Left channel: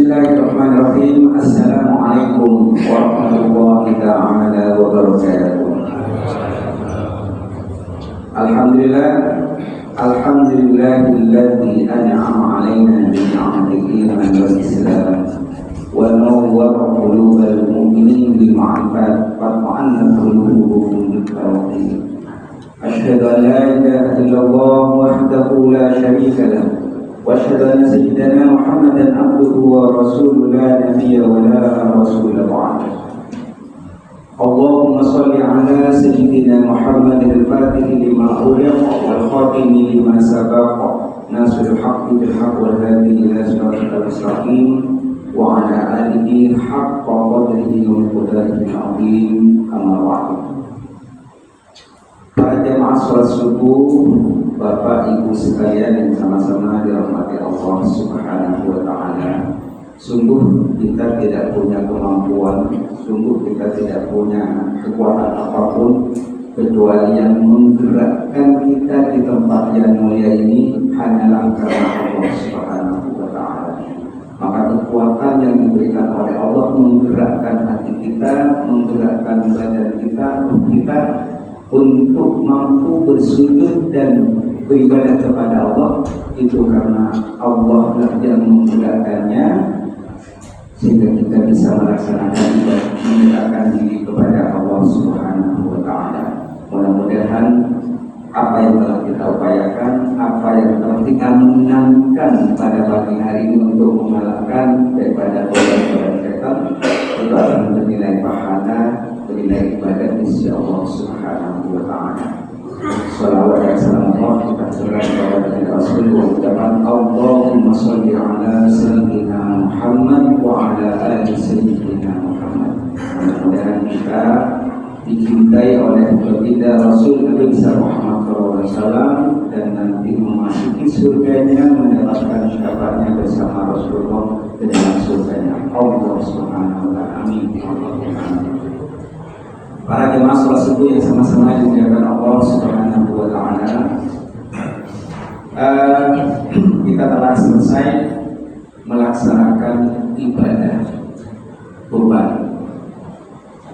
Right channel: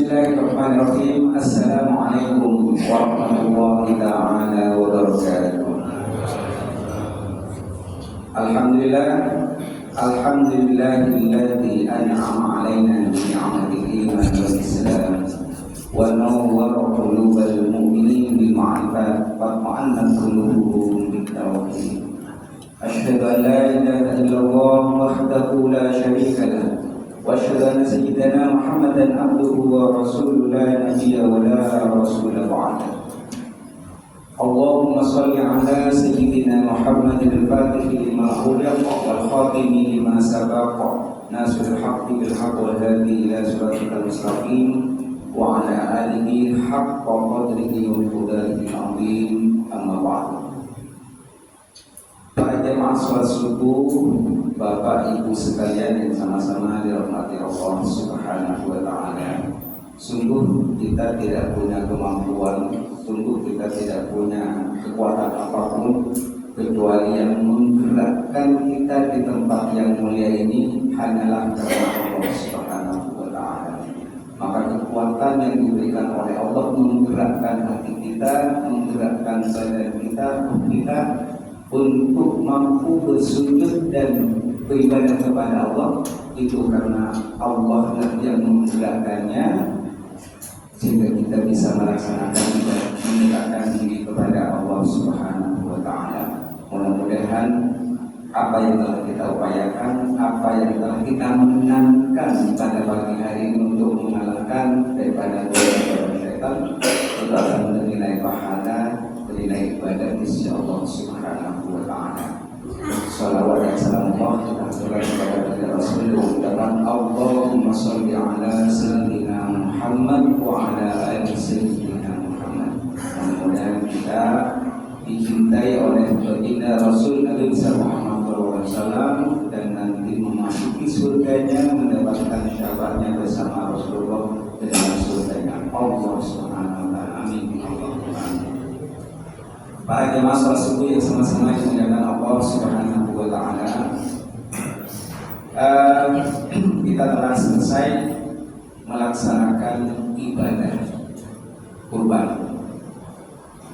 Bismillahirrahmanirrahim. Assalamualaikum warahmatullahi ta'ala wabarakatuh. Alhamdulillahilladzi an'ama 'alaina bi ni'matil iman wal islam wa nawwara qulubal mu'minin bil ma'rifat wa ta'annat qulubuhum bit tauhid. Asyhadu an la ilaha illallah wahdahu la syarika lahu wa asyhadu anna sayyidana Muhammadan abduhu wa rasuluhu la nabiyya wa la rasula ba'dahu. Allahumma salli ala sayyidina Muhammadin al-Fatihi lima uliqa wal khatimi lima sabaqa nasrul haqqi bil haqq wal hadi ila siratal mustaqim wa ala alihi haqqa qadrihi wa miqdarihi al-azim. Amma ba'du. Para jamaah salat subuh, Bapak Ibu sekalian yang sama-sama dirahmati Allah Subhanahu wa taala. Sungguh kita tidak punya kemampuan, sungguh kita tidak punya kekuatan apapun kecuali yang menggerakkan kita di tempat yang mulia ini hanyalah karena Allah Subhanahu wa taala. Maka kekuatan yang diberikan oleh Allah menggerakkan hati kita, menggerakkan badan kita untuk mampu bersujud dan beribadah kepada Allah, itu karena Allah lah yang menggerakkannya sehingga kita bisa melaksanakan ibadah, mendekatkan diri kepada Allah Subhanahu wa taala. Mudah-mudahan apa yang telah kita upayakan, apa yang telah kita menangkan pada pagi hari ini untuk mengalahkan daripada godaan setan, itu akan bernilai pahala, bernilai ibadah di sisi Allah Subhanahu wa taala. Salawat dan salam Allah kita serahkan kepada Rasul mengucapkan Allahumma sholli ala sayyidina Muhammad wa ala ali sayyidina Muhammad. Mudah-mudahan kita dicintai oleh baginda Rasul Nabi sallallahu alaihi wasallam dan nanti memasuki surganya, mendapatkan syafaatnya bersama Rasulullah ke dalam surganya Allah Subhanahu wa taala. Amin. Para jemaah salat subuh yang sama-sama dimuliakan Allah Subhanahu wa taala. Kita telah selesai melaksanakan ibadah kurban.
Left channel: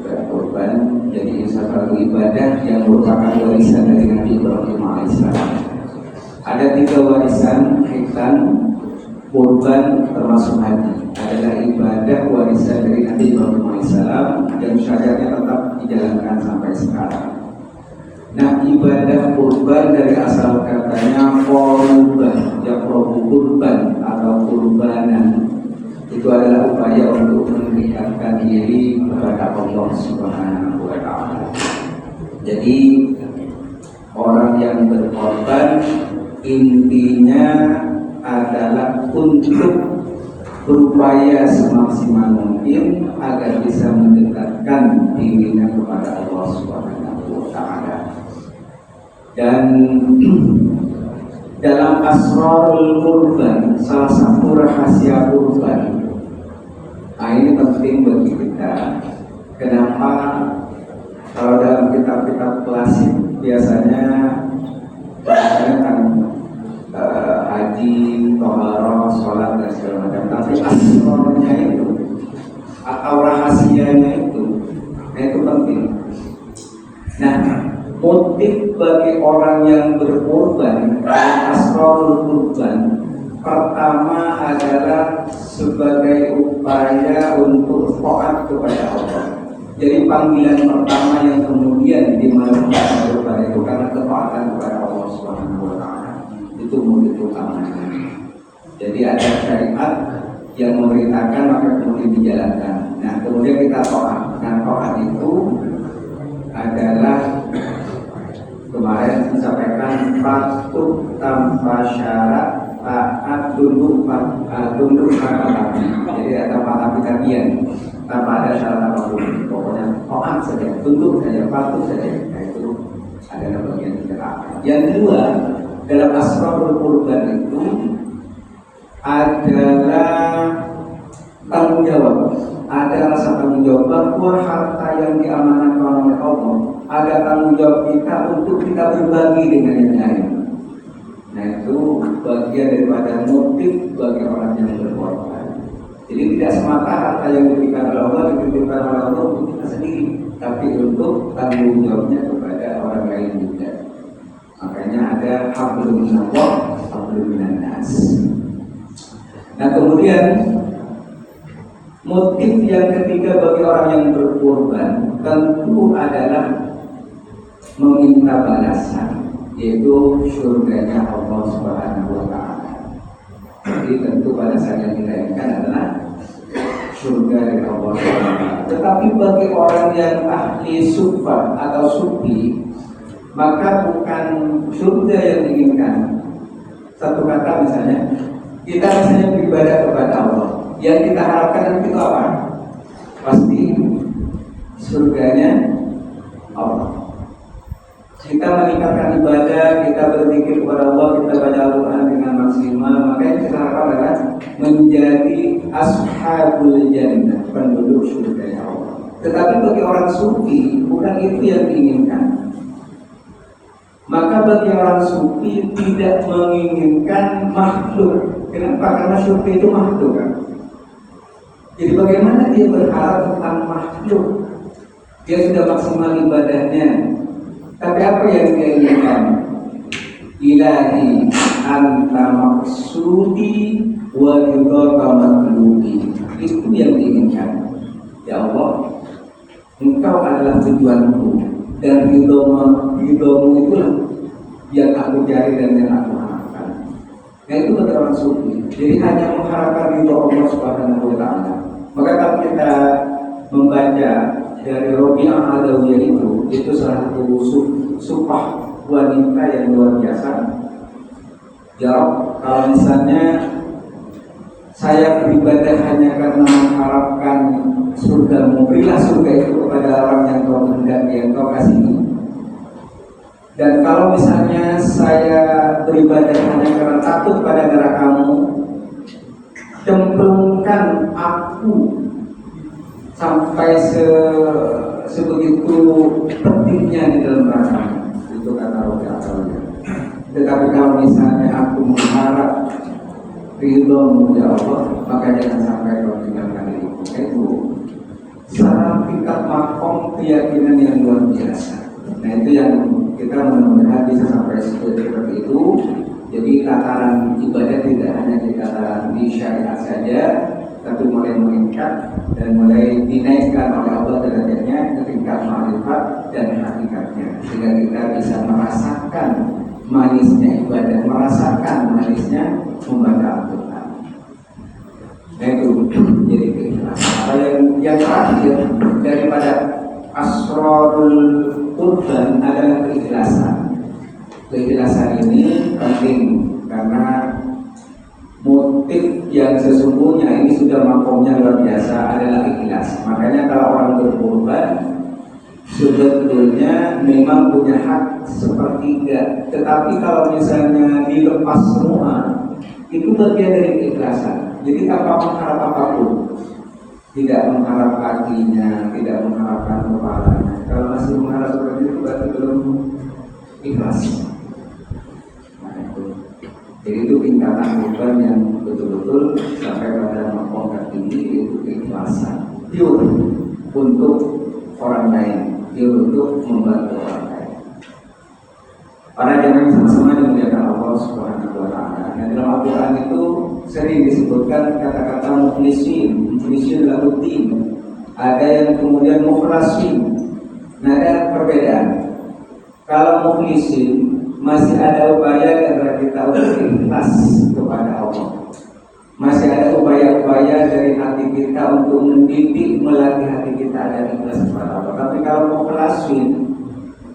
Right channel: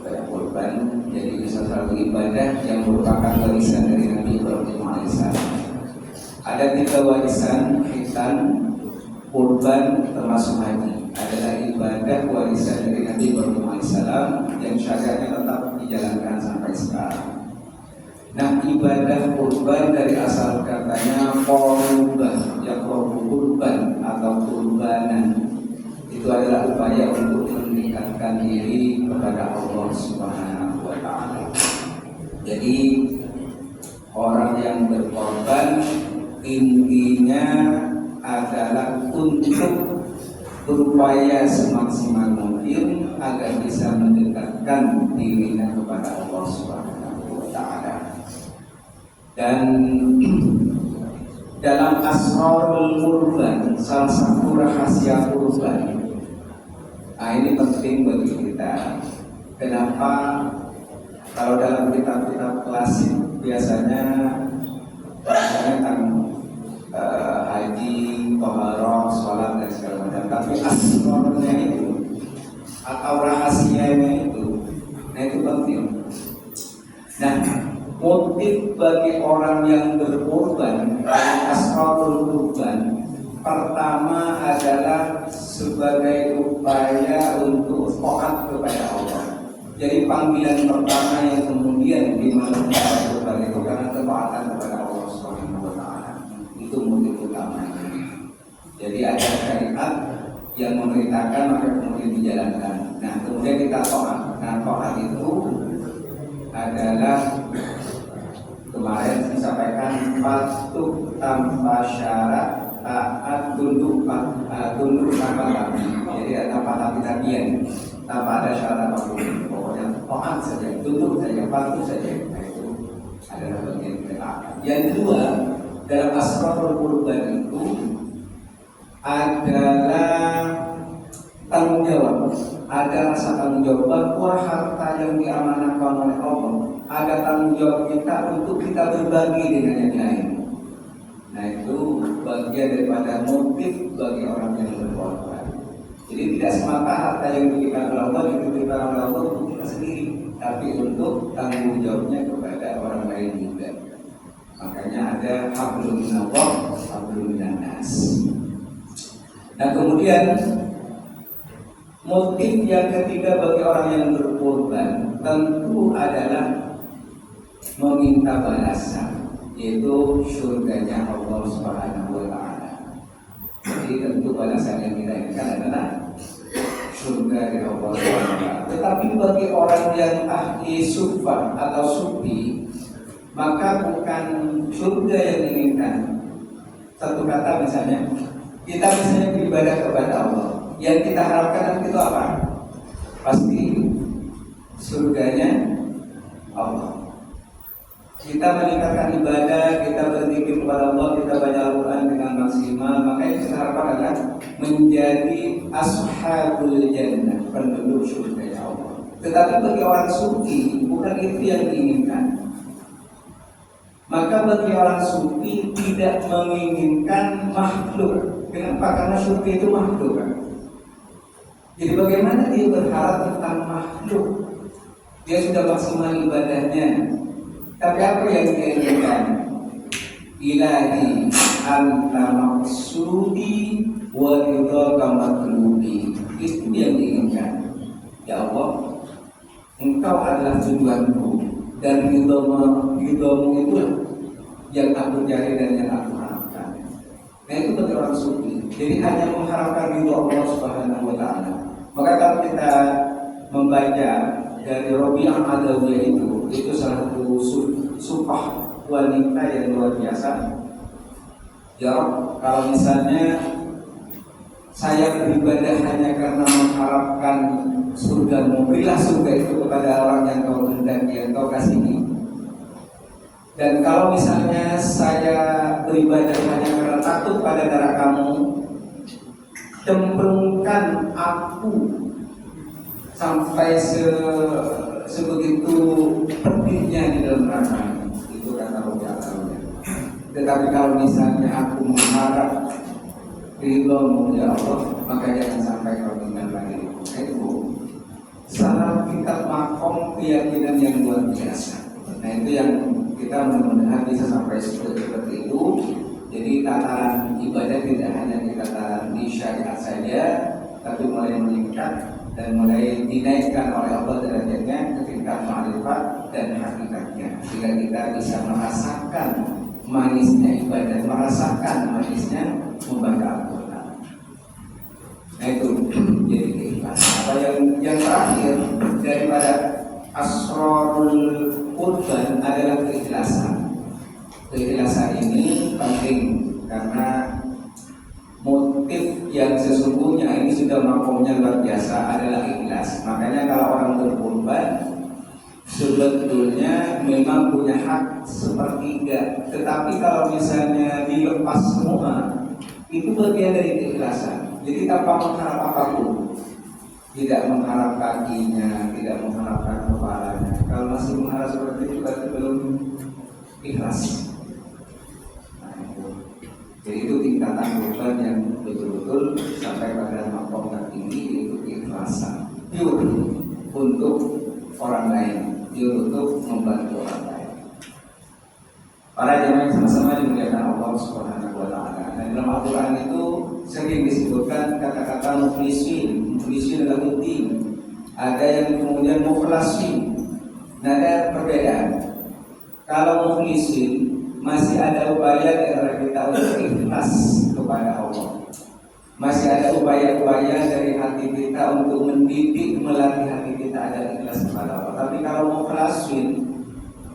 Ibadah kurban jadi salah satu ibadah yang merupakan warisan dari Nabi Ibrahim alaihissalam. Ada 3 warisan khitan kurban termasuk haji. Adalah ibadah warisan dari Nabi Ibrahim alaihissalam yang syariatnya tetap dijalankan sampai sekarang. Nah, ibadah kurban dari asal katanya qurban, yaqrabu kurban atau kurbanan, itu adalah upaya untuk mendekatkan diri kepada Allah Subhanahu wa taala. Jadi orang yang berkorban intinya adalah untuk berupaya semaksimal mungkin agar bisa mendekatkan dirinya kepada Allah Subhanahu wa taala. Dan dalam asrarul kurban, salah satu rahasia kurban, ini penting bagi kita. Kenapa? Kalau dalam kitab-kitab klasik biasanya bahasanya kan haji, toharoh, sholat dan segala macam. Tapi asrornya itu atau rahasianya itu, itu penting. Nah, motif bagi orang yang berkorban dalam asrorul kurban pertama adalah sebagai upaya untuk taat kepada Allah. Jadi panggilan pertama yang kemudian dimaksudkan kurban itu karena ketaatan kepada Allah Subhanahu wa taala. Itu motif utamanya. Jadi ada syariat yang memerintahkan maka kemudian dijalankan. Nah, kemudian kita taat. Nah, taat itu adalah kemarin saya sampaikan patuh tanpa syarat, taat tunduk kata tapi. Jadi ada tapi tapian tanpa ada syarat apapun. Pokoknya taat saja, tunduk saja, patuh saja. Nah, itu adalah bagian kita. Yang kedua, dalam asrarul kurban itu adalah tanggung jawab. Ada rasa tanggung jawab bahwa harta yang diamanahkan oleh Allah, ada tanggung jawab kita untuk kita berbagi dengan yang lain. Nah, itu bagian daripada motif bagi orang yang berkorban. Jadi tidak semata harta yang diberikan oleh Allah dititipkan oleh Allah untuk kita sendiri, tapi untuk tanggung jawabnya kepada orang lain juga. Makanya ada hablum minallah, hablum minannas. Nah kemudian motif yang ketiga bagi orang yang berkorban tentu adalah meminta balasan, yaitu surganya Allah Subhanahu wa Ta'ala. Jadi tentu balasan yang kita inginkan adalah surga dari Allah Subhanahu wa Ta'ala. Tetapi bagi orang yang ahli sufa atau sufi, maka bukan surga yang diinginkan. Satu kata misalnya, kita misalnya beribadah kepada Allah, yang kita harapkan itu apa? Pasti surganya Allah. Kita meningkatkan ibadah, kita berzikir kepada Allah, kita baca Al-Quran dengan maksimal, maka yang kita harapkan adalah menjadi ashabul jannah, penduduk surga Allah. Tetapi bagi orang sufi bukan itu yang diinginkan. Maka bagi orang sufi tidak menginginkan makhluk. Kenapa? Karena sufi itu makhluk. Jadi bagaimana dia berharap tentang makhluk? Dia sudah maksimal ibadahnya, tapi apa yang dia inginkan? Ilahi anta maksudi wa ridhaka matlubi. Itu yang diinginkan. Ya Allah, Engkau adalah tujuanku dan ridhomu itulah yang aku cari dan yang aku harapkan. Nah itu bagi orang sufi. Jadi hanya mengharapkan ridho Allah Subhanahu wa Ta'ala. Maka kalau kita membaca dari Rabi'ah Adawiyah itu salah satu supah wanita yang luar biasa. Ya, kalau misalnya saya beribadah hanya karena mengharapkan surga-Mu, berilah surga itu kepada orang yang Kau kehendaki, yang Kau kasihi. Dan kalau misalnya saya beribadah hanya karena takut pada darah Kamu, cemplungkan aku sampai sebegitu pedihnya di dalam neraka. Itu kata Rabi'ah Adawiyah. Tetapi kalau misalnya aku mengharap ridho-Mu ya Allah, maka jangan sampai Kau tinggalkan diriku. Itu salah tingkat makom keyakinan yang luar biasa. Nah itu yang kita mudah-mudahan bisa sampai seperti itu. Jadi tataran ibadah tidak hanya di tataran di syariat saja, tapi mulai meningkat dan mulai dinaikkan oleh Allah derajatnya ke tingkat ma'rifat dan hakikatnya, sehingga kita bisa merasakan manisnya ibadah, merasakan manisnya membaca Al-Quran. Nah itu jadi keikhlasan. Apa yang terakhir daripada asrarul qurban adalah keikhlasan. Keikhlasan ini penting karena motif yang sesungguhnya ini sudah makomnya luar biasa adalah ikhlas. Makanya kalau orang berkorban sebetulnya memang punya hak sepertiga, tetapi kalau misalnya dilepas semua itu bagian dari keikhlasan. Jadi tanpa mengharap apapun, tidak mengharap kakinya, tidak mengharapkan kepalanya. Kalau masih mengharap seperti itu berarti belum ikhlas. Jadi itu tingkatan korban yang betul-betul sampai pada makom tertinggi, yaitu keikhlasan. Pure untuk orang lain, pure untuk membantu orang lain. Para jamaah sama-sama dimuliakan Allah Subhanahu wa Ta'ala. Nah dalam Al-Quran itu sering disebutkan kata-kata mukhlisin. Mukhlisin adalah mutim. Ada yang kemudian mukhlasin. Nah ada perbedaan. Kalau mukhlisin masih ada upaya di antara kita untuk ikhlas kepada Allah. Masih ada upaya-upaya dari hati kita untuk mendidik, melatih hati kita agar ikhlas kepada Allah. Tapi kalau mukhlasin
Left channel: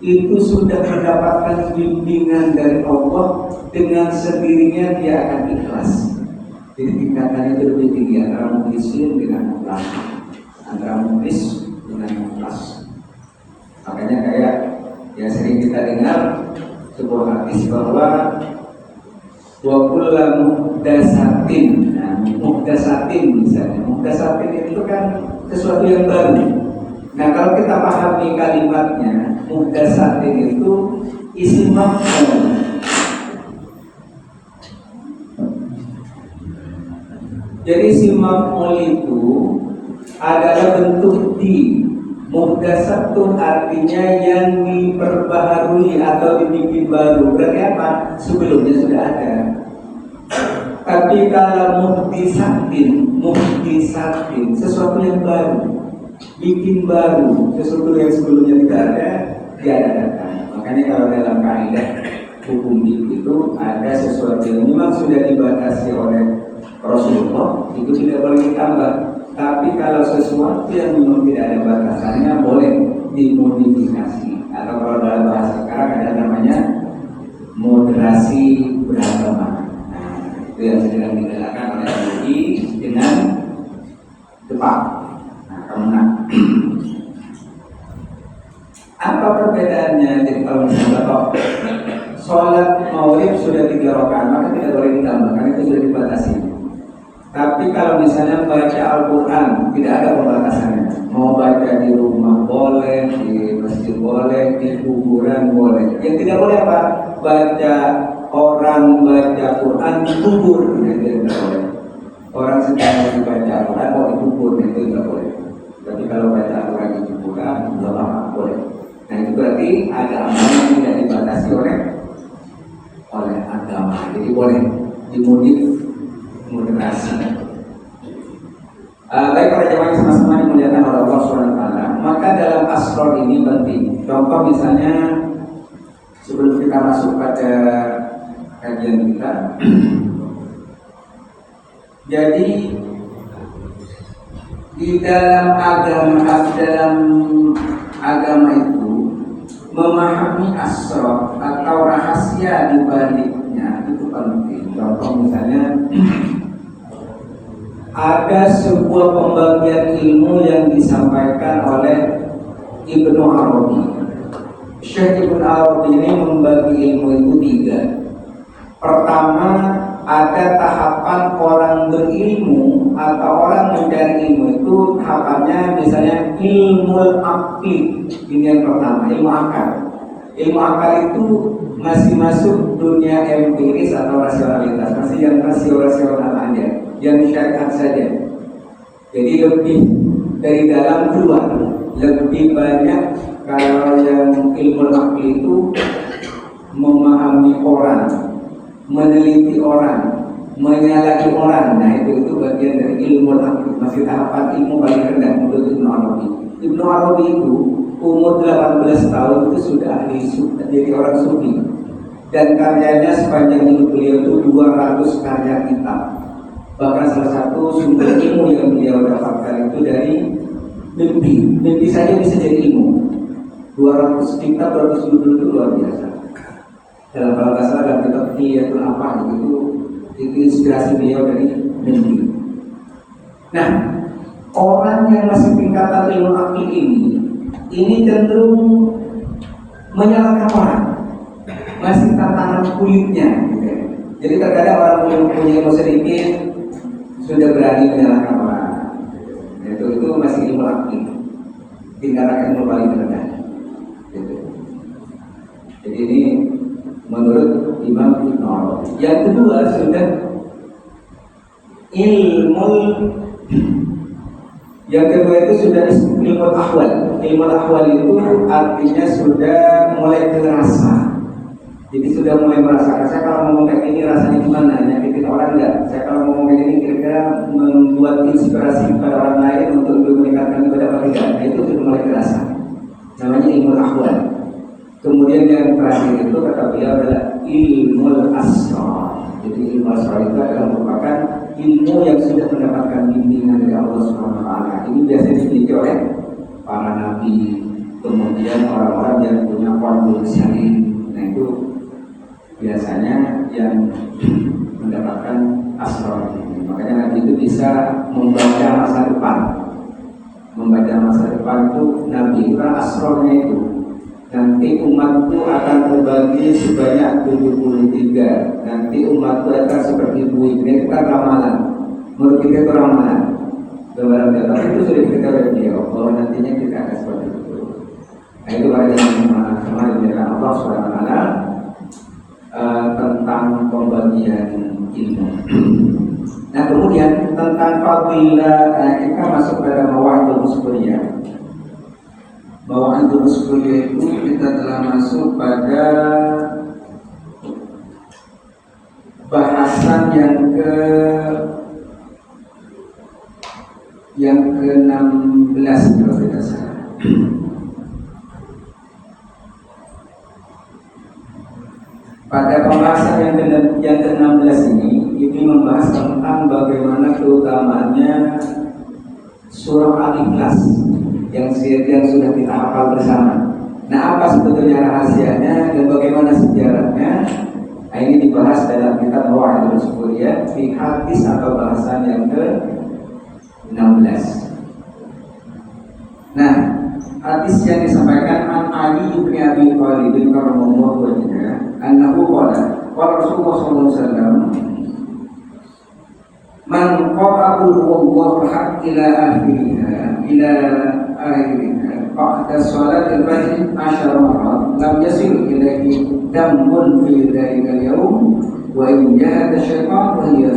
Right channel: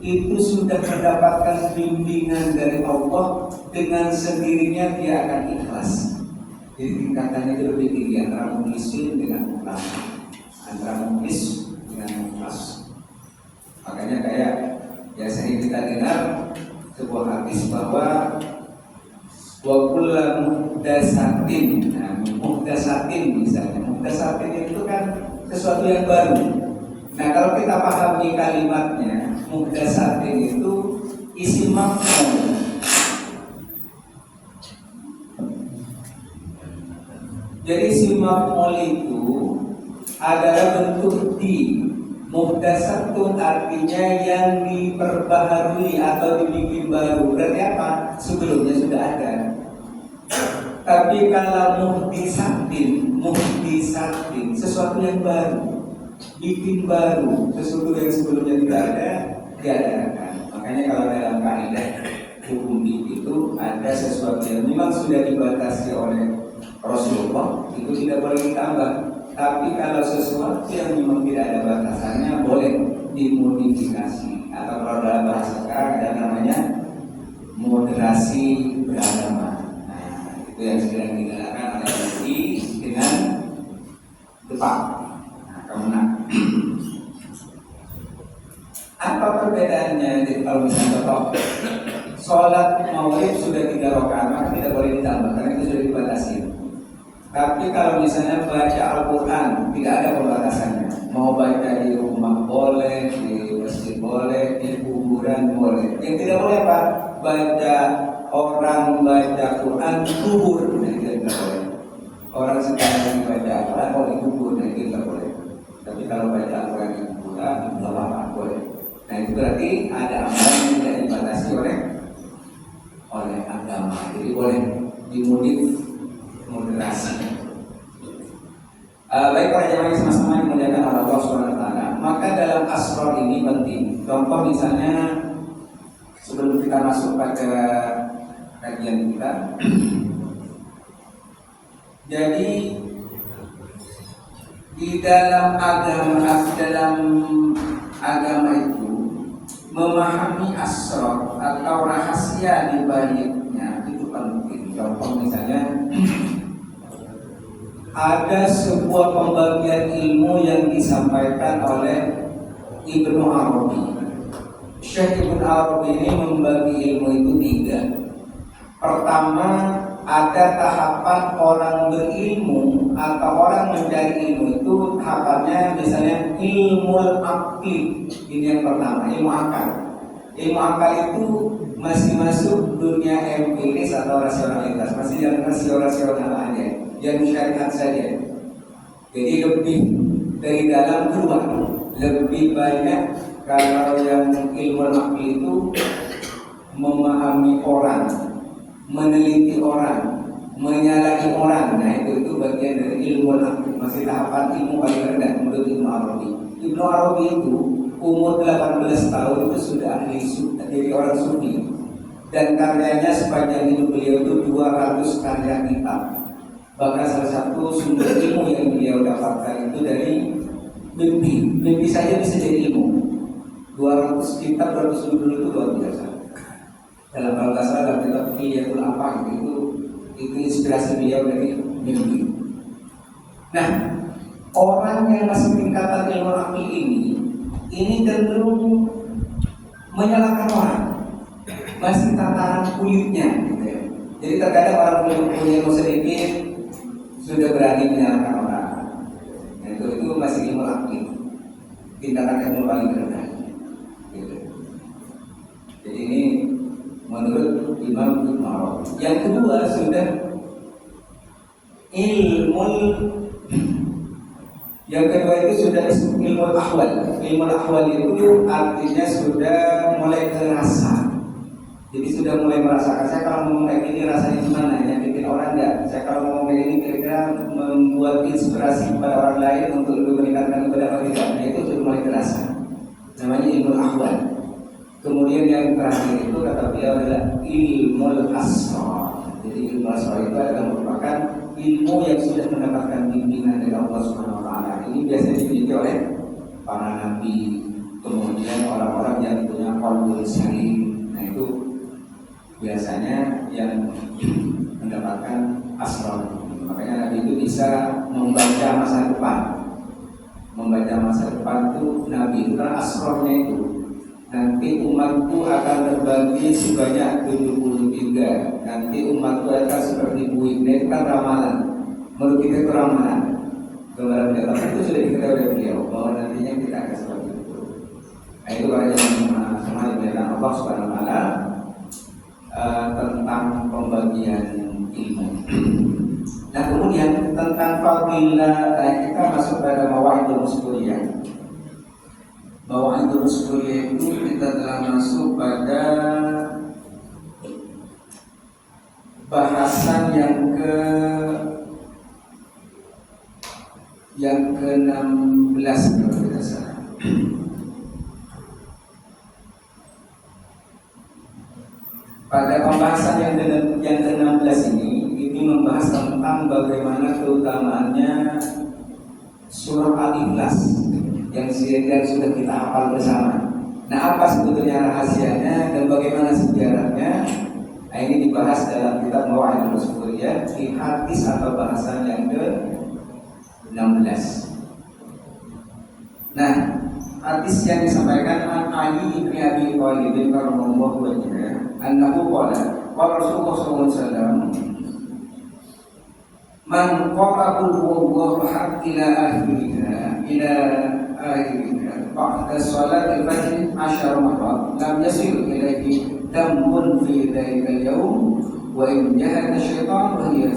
itu sudah mendapatkan bimbingan dari Allah, dengan sendirinya dia akan ikhlas. Jadi tingkatannya itu lebih tinggi antara mukhlisin dengan mukhlas, antara mukhlis dengan mukhlas. Makanya kayak yang sering kita dengar sebuah hadis bahwa wa kullu muhdatsatin. Nah, muhdatsatin misalnya. Muhdatsatin itu kan sesuatu yang baru. Nah, kalau kita pahami kalimatnya, muhdatsatin itu isim maf'ul. Jadi si maf'ul itu adalah bentuk di. Muhdasatun artinya yang diperbaharui atau dibikin baru. Berarti apa? Sebelumnya sudah ada. Tapi kalau muhdisatin sesuatu yang baru, bikin baru, sesuatu yang sebelumnya tidak ada, diadakan. Makanya kalau dalam kaidah hukum itu ada sesuatu yang memang sudah dibatasi oleh Rasulullah, itu tidak boleh ditambah. Tapi kalau sesuatu yang memang tidak ada batasannya boleh dimodifikasi, atau kalau dalam bahasa sekarang ada namanya moderasi beragama. Nah, itu yang sedang digalakan oleh MUI dengan Jepang. Nah, kemudian apa perbedaannya? Jadi kalau misalnya sholat maulid sudah 3 rakaat, maka tidak boleh ditambah karena itu sudah dibatasi. Tapi kalau misalnya baca Al-Quran, tidak ada pembatasannya. Mau baca di rumah boleh, di masjid boleh, di kuburan boleh. Yang tidak boleh apa? Baca orang baca Quran di kubur, itu tidak boleh. Orang sedang baca Al-Quran mau di kubur, itu tidak boleh. Tapi kalau baca Al-Quran di kuburan, tidak apa-apa, boleh. Nah itu berarti ada amalan yang tidak dibatasi oleh agama. Jadi boleh moderasi. Baik para jemaah sama-sama dimuliakan oleh Allah SWT. Maka dalam asrar ini penting. Contoh misalnya sebelum kita masuk pada kajian kita, jadi di dalam agama itu memahami asrar atau rahasia di baliknya itu penting. Contoh misalnya ada sebuah pembagian ilmu yang disampaikan oleh Ibnu Arabi. Syekh Ibnu Arabi ini membagi ilmu itu 3. Pertama, ada tahapan orang berilmu atau orang mencari ilmu itu tahapannya misalnya ilmu akli. Ini yang pertama, ilmu akal. Ilmu akal itu masih masuk dunia empiris atau rasionalitas, masih yang rasional aja, yang syariat saja. Jadi lebih dari dalam keluar, lebih banyak kalau yang ilmu akli itu memahami orang, meneliti orang, menyalahi orang. Nah itu bagian dari ilmu akli, masih tahapan ilmu paling rendah menurut Ibnu Arabi. Ibnu Arabi itu umur 18 tahun itu sudah jadi orang sufi, dan karyanya sepanjang hidup beliau itu 200 karya kitab. Bahkan salah satu sumber ilmu yang beliau dapatkan itu dari mimpi saja bisa jadi ilmu. 200 kitab, 200 judul itu luar biasa. Dalam kalau nggak salah dalam kitab Hiyatul apa itu inspirasi beliau dari mimpi. Nah, orang yang masih tingkatan ilmu akli ini cenderung menyalahkan orang, masih tatanan kulitnya gitu ya. Jadi terkadang orang yang punya ilmu sedikit sudah berani menyalahkan orang. Nah, itu masih ilmu akli, tingkatan ilmu paling rendah gitu. Jadi ini menurut Imam Ibnu Arabi. Yang kedua sudah Yang kedua itu sudah ilmu ahwal. Ilmu ahwal itu artinya sudah mulai terasa. Jadi sudah mulai merasakan, saya kalau ngomong kayak gini rasanya gimana? Nyakitin orang enggak? Saya kalau ngomong kayak gini kira-kira membuat inspirasi kepada orang lain untuk lebih meningkatkan ibadah atau tidak? Nah itu sudah mulai terasa. Namanya ilmu ahwal. Kemudian yang terakhir itu kata beliau adalah ilmu asrar. Jadi ilmu asrar itu adalah merupakan ilmu yang sudah mendapatkan bimbingan dari Allah Subhanahu wa taala. Ini biasanya dimiliki oleh para nabi, kemudian orang-orang yang punya qalbul salim. Nah itu biasanya yang mendapatkan asrar. Makanya nabi itu bisa membaca masa depan. Membaca masa depan itu nabi itu kan asrarnya itu. Nanti umat itu akan terbagi sebanyak 73. Nanti umat itu akan seperti buih. Ini kan ramalan. Menurut kita itu ramalan. Gambaran data itu sudah diketahui oleh beliau bahwa nantinya kita akan seperti itu. Nah itu para jemaah semua dimuliakan Allah Subhanahu wa taala tentang pembagian ilmu. Nah kemudian tentang fadilah, kita masuk pada Mawa'idul Muskuliyah. Mawa'idul Muskuliyah itu kita telah masuk pada bahasan yang ke-16 kalau tidak salah. Pada pembahasan yang ke-16 ini membahas tentang bagaimana keutamaannya surah Al-Ikhlas yang sudah kita hafal bersama. Nah, apa sebetulnya rahasianya dan bagaimana sejarahnya? Nah, ini dibahas dalam kitab Mawa'idul Muskuliyah di hadis atau bahasan yang ke-16. Nah, hadis yang disampaikan an Ali bin Abi Thalib radhiyallahu anhu annahu qala Rasulullah sallallahu alaihi wasallam man qara'a huwallahu ahad ila akhiriha ba'da salatil fajr 10 marat lam yasil ilaihi dambun fi dhalika al-yawm wa in jahada syaitan wa hiya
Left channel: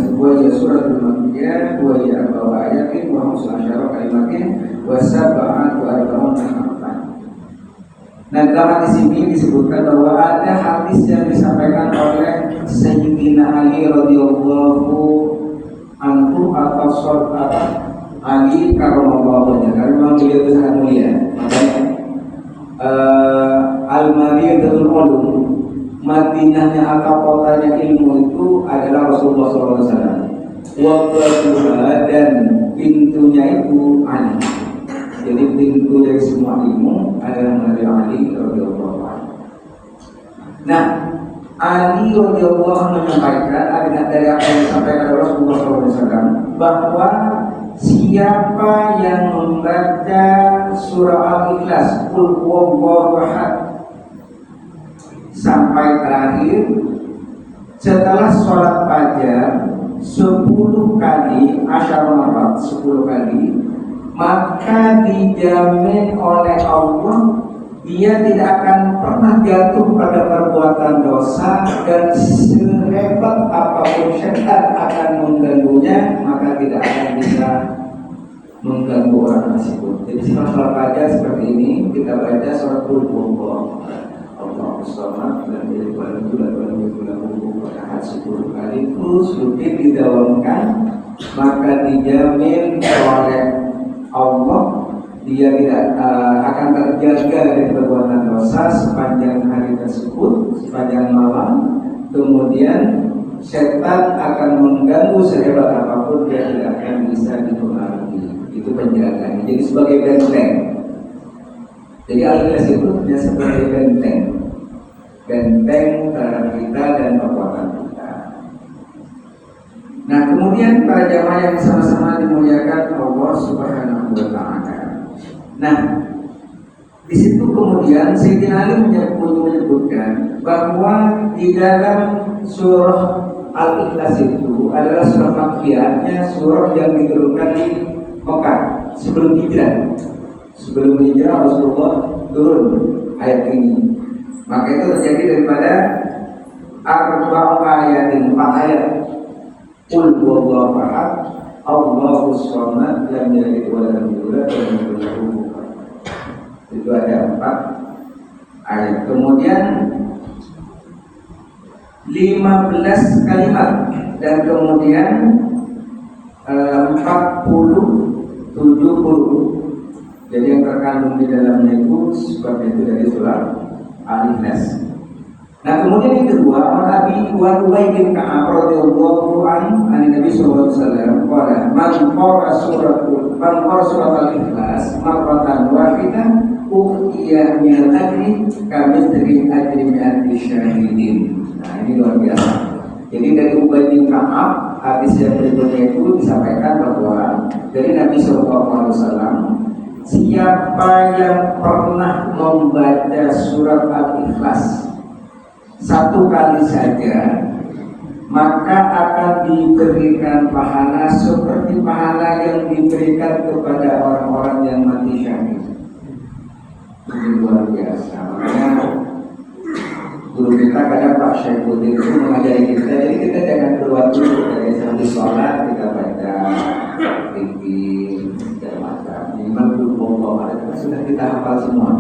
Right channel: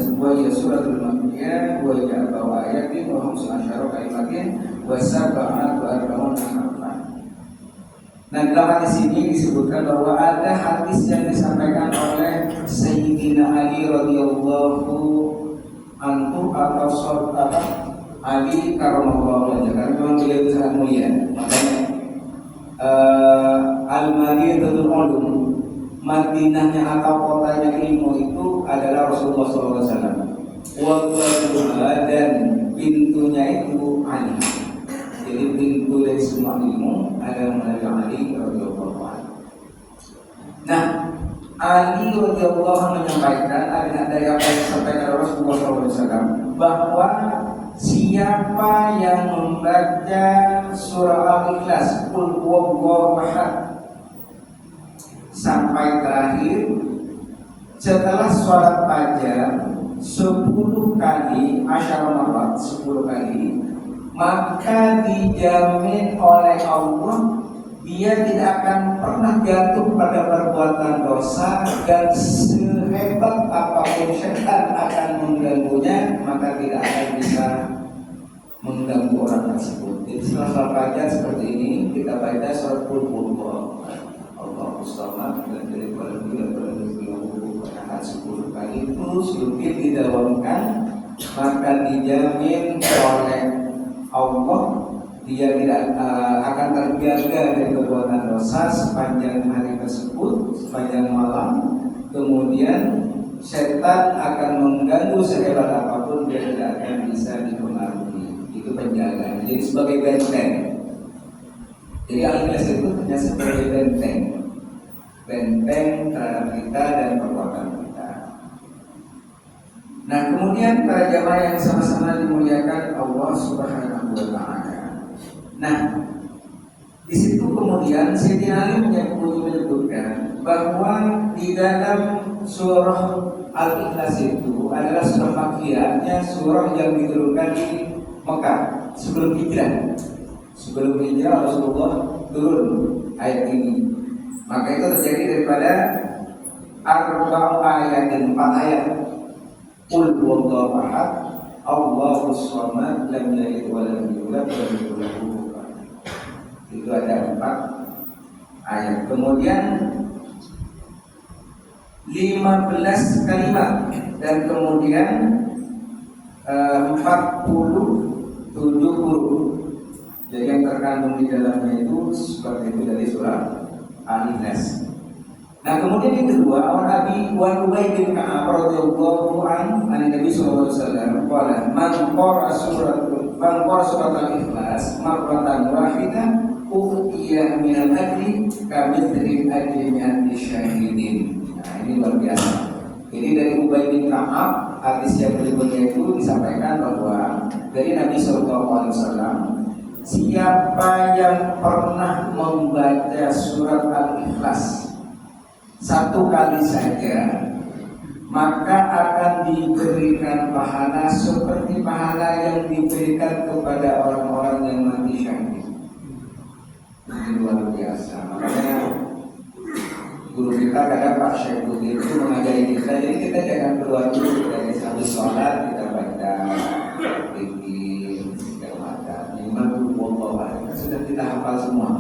suratul makkiyah wa hiya arba'u ayatin wa 15 kalimatin wa sab'atu arba'un harfan. Nah, dalam hadis ini disebutkan bahwa ada hadis yang disampaikan oleh Sayyidina Ali radhiyallahu anhu atau sahabat Ali karramallahu wajhahu, karena memang beliau itu sangat mulia. Makanya Al-Madinatul Ulum, Madinahnya atau kotanya ilmu itu adalah Rasulullah SAW. Wabatuha, dan pintunya itu Ali. Jadi pintu dari semua ilmu adalah melalui Ali radhiyallahu anhu. Nah, Ali radhiyallahu anhu menyampaikan dari apa yang disampaikan oleh Rasulullah SAW bahwa siapa yang membaca surah Al-Ikhlas Qul huwallahu ahad sampai terakhir setelah sholat fajar 10 kali, 10 kali, maka dijamin oleh Allah dia tidak akan pernah jatuh pada perbuatan dosa, dan sehebat apapun syaitan akan mengganggunya maka tidak akan bisa mengganggu orang tersebut. Jadi setelah sholat fajar seperti ini kita baca surat Qul huwallahu Allahus samad lam yalid walam yulad walam yakul lahu kufuwan ahad 10 kali terus rutin didawamkan, maka dijamin oleh Allah dia tidak akan terjaga dari perbuatan dosa sepanjang hari tersebut, sepanjang malam. Kemudian setan akan mengganggu sehebat apapun dia tidak akan bisa dipengaruhi. Itu penjagaan. Jadi sebagai benteng. Jadi Al-Ikhlas itu hanya sebagai benteng terhadap kita dan perbuatan kita. Nah, kemudian para jamaah yang sama-sama dimuliakan Allah Subhanahu wa taala. Nah, di situ kemudian Sayyidina Ali menyebutkan bahwa di dalam surah Al-Ikhlas itu adalah surah Makkiyahnya, surah yang diturunkan di Mekah sebelum hijrah. Sebelum hijrah Rasulullah turun ayat ini. Maka itu terjadi daripada 4 ayat. Qul huwallahu ahad, Allahus samad, lam yalid walam yulad walam yakul lahu kufuwan ahad. Itu ada 4 ayat. Kemudian 15 kalimat dan kemudian 40 huruf. Jadi yang terkandung di dalamnya itu seperti itu dari surah Al-Ikhlas. Nah, kemudian yang kedua, Nabi Ubay bin Ka'ab radhiyallahu anhu Nabi sallallahu alaihi wasallam qala man qara surat Al-Ikhlas marratan wahidah utiya min al-ajri kamithli ajri mi'ati syahidin. Nah, ini luar biasa. Jadi dari Ubay bin Ka'ab, hadis yang berikutnya itu disampaikan bahwa dari Nabi sallallahu alaihi wasallam, siapa yang pernah membaca surat Al-Ikhlas 1 kali saja, maka akan diberikan pahala seperti pahala yang diberikan kepada orang-orang yang mati syahid. Ini luar biasa. Makanya guru kita kadang Pak Syekh Budi itu mengajari kita, jadi kita jangan keluar dulu dari habis sholat kita hafal semua.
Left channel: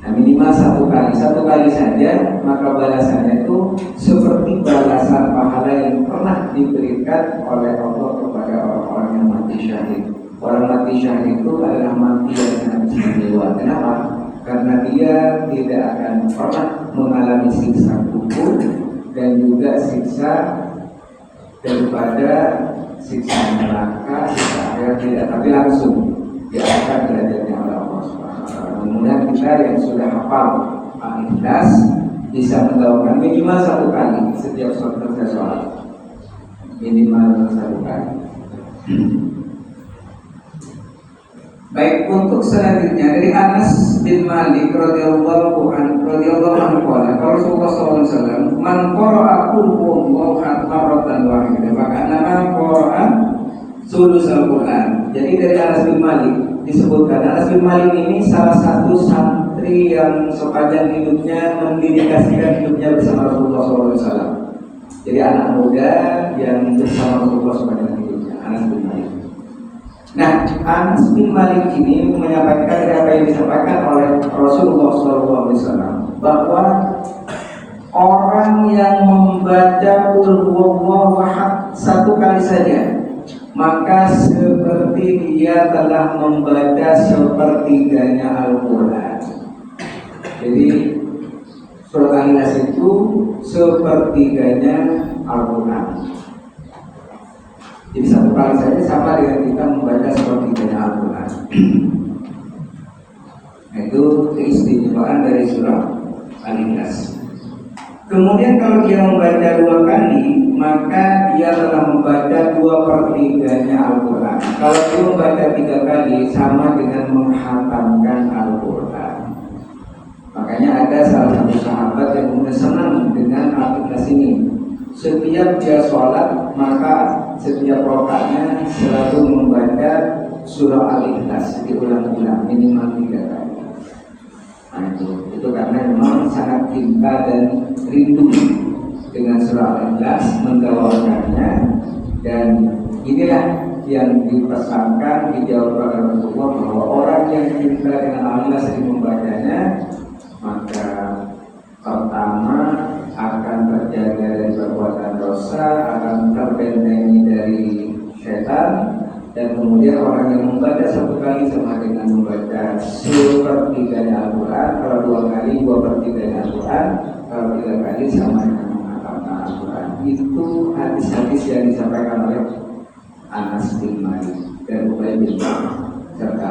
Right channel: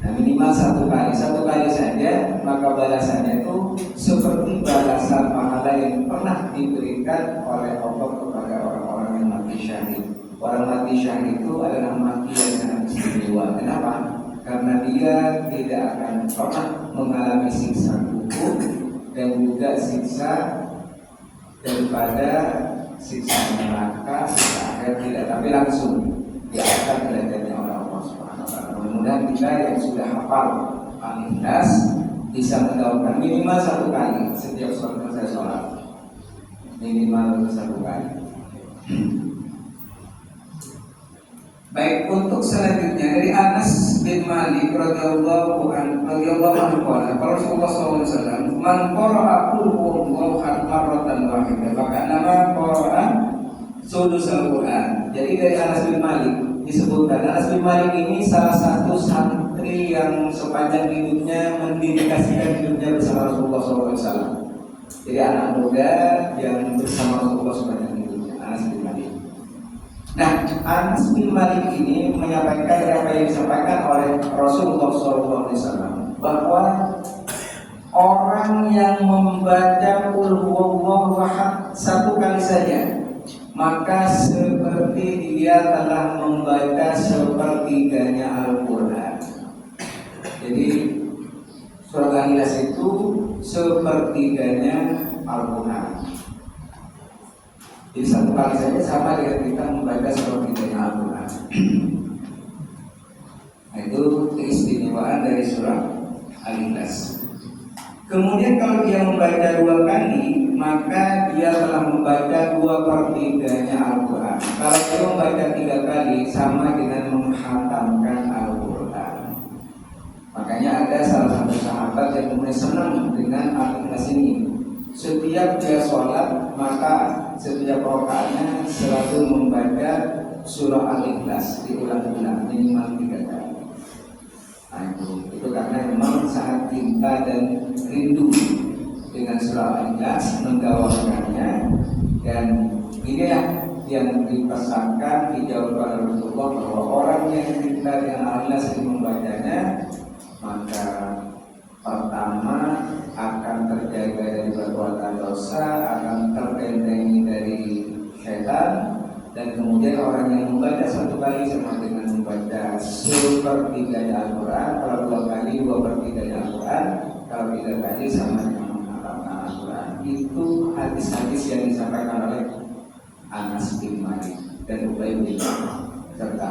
Nah, minimal satu kali saja, maka balasannya itu seperti balasan pahala yang pernah diberikan oleh Allah kepada orang-orang yang mati syahid. Orang mati syahid itu adalah mati yang sangat istimewa. Kenapa? Karena dia tidak akan pernah mengalami siksa kubur dan juga siksa daripada siksa neraka, siksa akhirat tidak, tapi langsung diangkat derajatnya oleh Allah Subhanahu wa taala. Mudah-mudahan kita yang sudah hafal Al-Ikhlas bisa mengamalkan minimal satu kali setiap selesai sholat, minimal satu kali. Baik, untuk selanjutnya dari Anas bin Malik radhiyallahu anhu qala Rasulullah sallallahu alaihi wasallam, "Man qara'a qul huwallahu ahad marratan wahidah, maka nama qara'a sulusul Quran." Jadi dari Anas bin Malik disebutkan, Anas bin Malik ini salah satu santri yang sepanjang hidupnya mendedikasikan hidupnya bersama Rasulullah sallallahu alaihi wasallam. Jadi anak muda yang bersama Rasulullah sepanjang hidupnya, Anas bin Malik. Nah, Anas bin Malik ini menyampaikan apa yang disampaikan oleh Rasulullah SAW, bahwa orang yang membaca Qul huwallahu ahad satu kali saja, maka seperti dia telah membaca sepertiganya Al-Quran. Jadi surat Al-Ikhlas itu sepertiganya Al-Quran. Jadi satu kali saja sama dengan kita membaca sepertiganya Al-Quran. Itu keistimewaan dari surah Al-Ikhlas. Kemudian kalau dia membaca dua kali, maka dia telah membaca 2/3 Al-Quran. Kalau dia membaca 3 kali, sama dengan menghatamkan Al-Quran. Makanya ada salah satu sahabat yang kemudian senang dengan Al-Ikhlas ini. Setiap dia sholat, maka setiap rakaatnya selalu membaca surah Al-Ikhlas diulang-ulang minimal 3 kali. Nah itu karena memang sangat cinta dan rindu dengan surah Al-Ikhlas, menggawakannya, dan inilah yang dipesankan, dijawab oleh Rasulullah bahwa orang yang cinta dengan Al-Ikhlas dan membacanya, maka pertama akan terjaga dari perbuatan dosa, akan terbentengi dari setan, dan kemudian orang yang membaca satu kali sama dengan membaca 1/3 Al-Quran, kalau 2 kali 2/3 Al-Quran, kalau 3 kali sama dengan menghafalkan Al-Quran. Itu hadis-hadis yang disampaikan oleh Anas bin Malik dan Ubay bin Ka'ab serta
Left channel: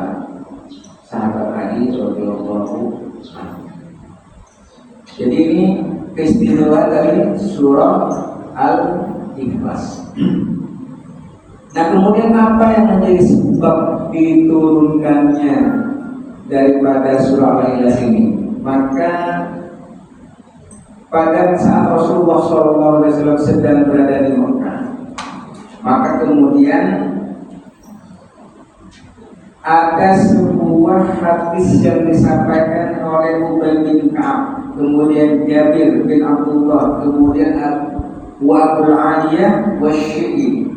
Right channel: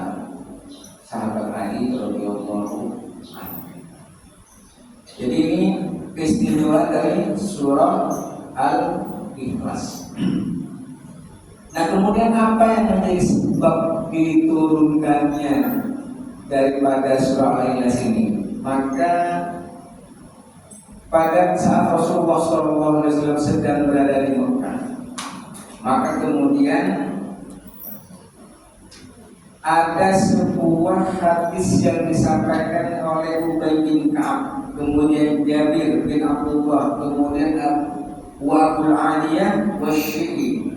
sahabat Ali radhiyallahu anhu. Jadi ini keistimewaan dari surah Al-Ikhlas. Nah, kemudian apa yang menjadi sebab diturunkannya daripada surah Al-Ikhlas ini? Maka pada saat Rasulullah SAW sedang berada di Mekah, maka kemudian ada sebuah hadis yang disampaikan oleh Ubay bin Ka'ab, kemudian Jabir bin Abdullah, kemudian Abu Aliyah wa Syi'i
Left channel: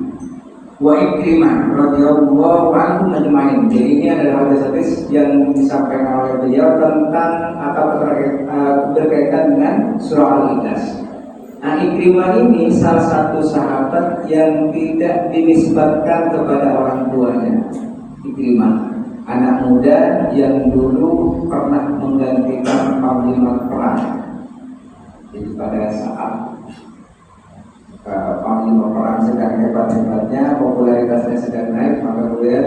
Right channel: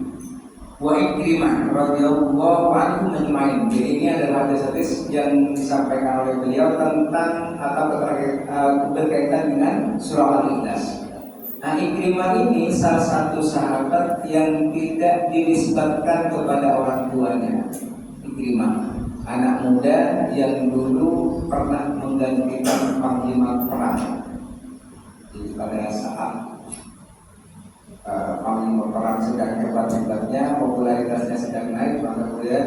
wa Ikrimah radhiyallahu anhu majma'in. Jadi ini adalah hadis yang disampaikan oleh beliau tentang atau berkaitan dengan surah Al-Ikhlas. Nah, Ikrimah ini salah satu sahabat yang tidak dinisbatkan kepada orang tuanya. Ikrimah, anak muda yang dulu pernah menggantikan panglima perang. Jadi pada saat panglima perang sedang hebat-hebatnya, popularitasnya sedang naik, maka kemudian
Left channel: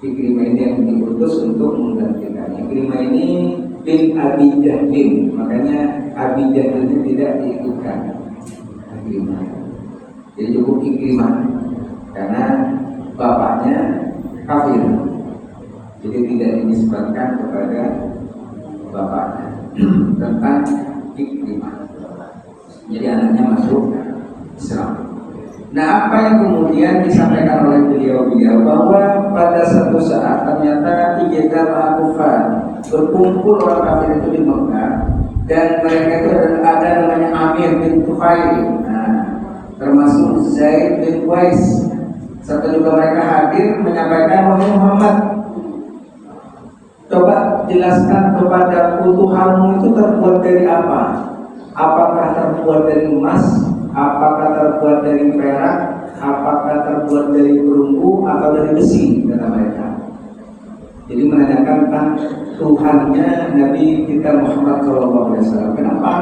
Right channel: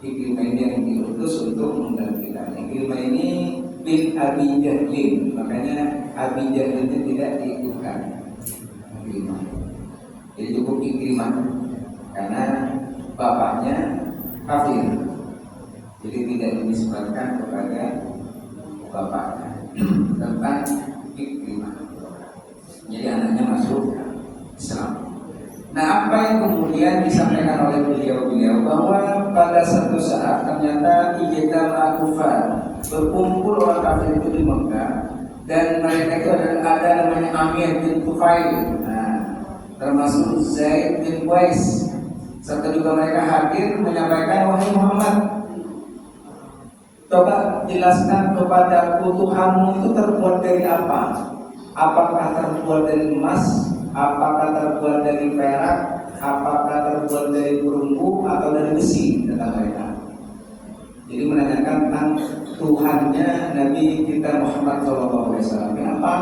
Ikrimah ini yang diutus untuk menggantikannya. Ikrimah ini bin Abi Jahlin, makanya Abi Jahlin ini tidak diikutkan Ikrimah. Jadi cukup Ikrimah karena bapaknya kafir, jadi tidak dinisbatkan kepada bapaknya. Tentang Ikrimah, jadi anaknya masuk Islam. Nah, apa yang kemudian disampaikan oleh beliau bahwa pada satu saat ternyata ijtama kufar, berkumpul orang kafir itu di Mekah, dan mereka itu ada namanya Amir bin Tufail, termasuk Zaid bin Qais, serta juga mereka hadir menyampaikan, wahai Muhammad, Coba jelaskan kepadaku Tuhanmu itu terbuat dari apa? Apakah terbuat dari emas? Apakah terbuat dari perak? Apakah terbuat dari perunggu atau dari besi? Kata mereka. Jadi menanyakan tentang Tuhannya Nabi kita Muhammad SAW. Kenapa?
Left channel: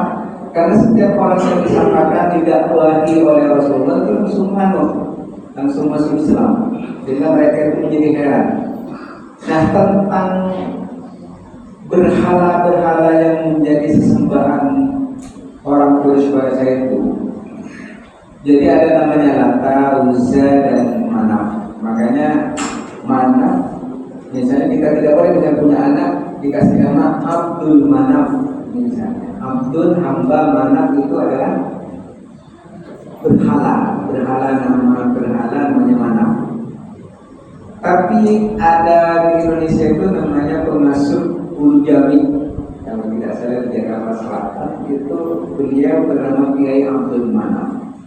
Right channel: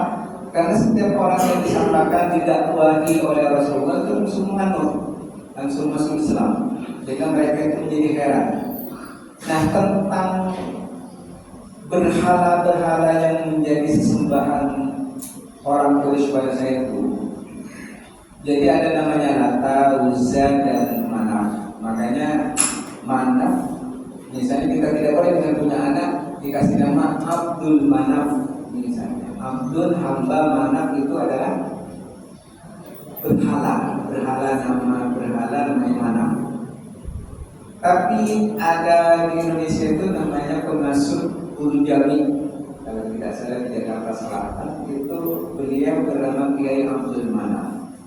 Karena setiap orang yang disampaikan didakwahi oleh Rasulullah itu langsung masuk Islam. Sehingga mereka itu menjadi heran. Nah, tentang berhala-berhala yang menjadi sesembahan orang Quraisy pada saat itu. Jadi ada namanya Lata, Uzza, dan Manaf. Makanya Manaf, misalnya kita tidak boleh misalnya punya anak dikasih nama Abdul Manaf misalnya. Abdul hamba, Manaf itu adalah berhala namanya Manaf. Tapi ada di Indonesia itu namanya pengasuh Ulu Jami, kalau tidak salah di Jakarta Selatan, itu beliau bernama Kiai Abdul Manaf.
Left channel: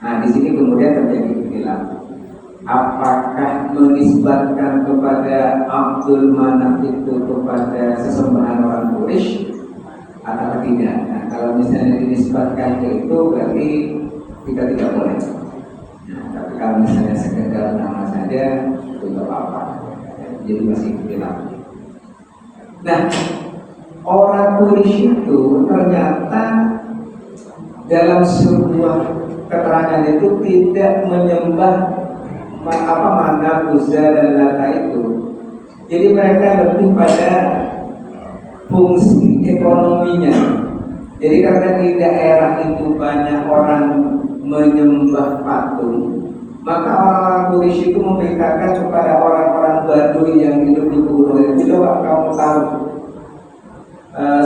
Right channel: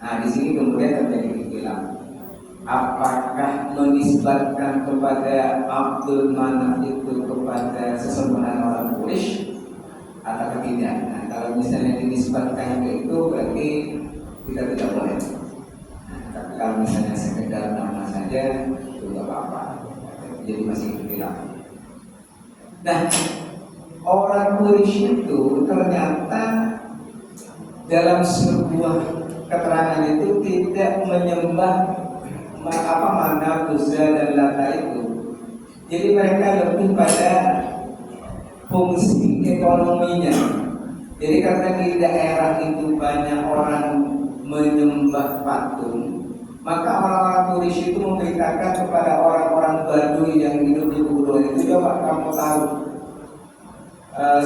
Nah, di sini kemudian terjadi khilaf. Apakah menisbatkan kepada Abdul Manaf itu kepada sesembahan orang Quraisy atau tidak? Nah, kalau misalnya dinisbatkan ke itu berarti kita tidak boleh. Nah, tapi kalau misalnya sekedar nama saja itu tidak apa-apa. Jadi masih khilaf. Nah, orang Quraisy itu ternyata dalam sebuah keterangan itu tidak menyembah Manaf, Uzza, dan Lata itu. Jadi mereka lebih pada fungsi ekonominya. Jadi karena di daerah itu banyak orang menyembah patung, maka orang-orang Quraisy itu memberitakan kepada orang-orang Baduy yang hidup di gunung itu, coba kamu tahu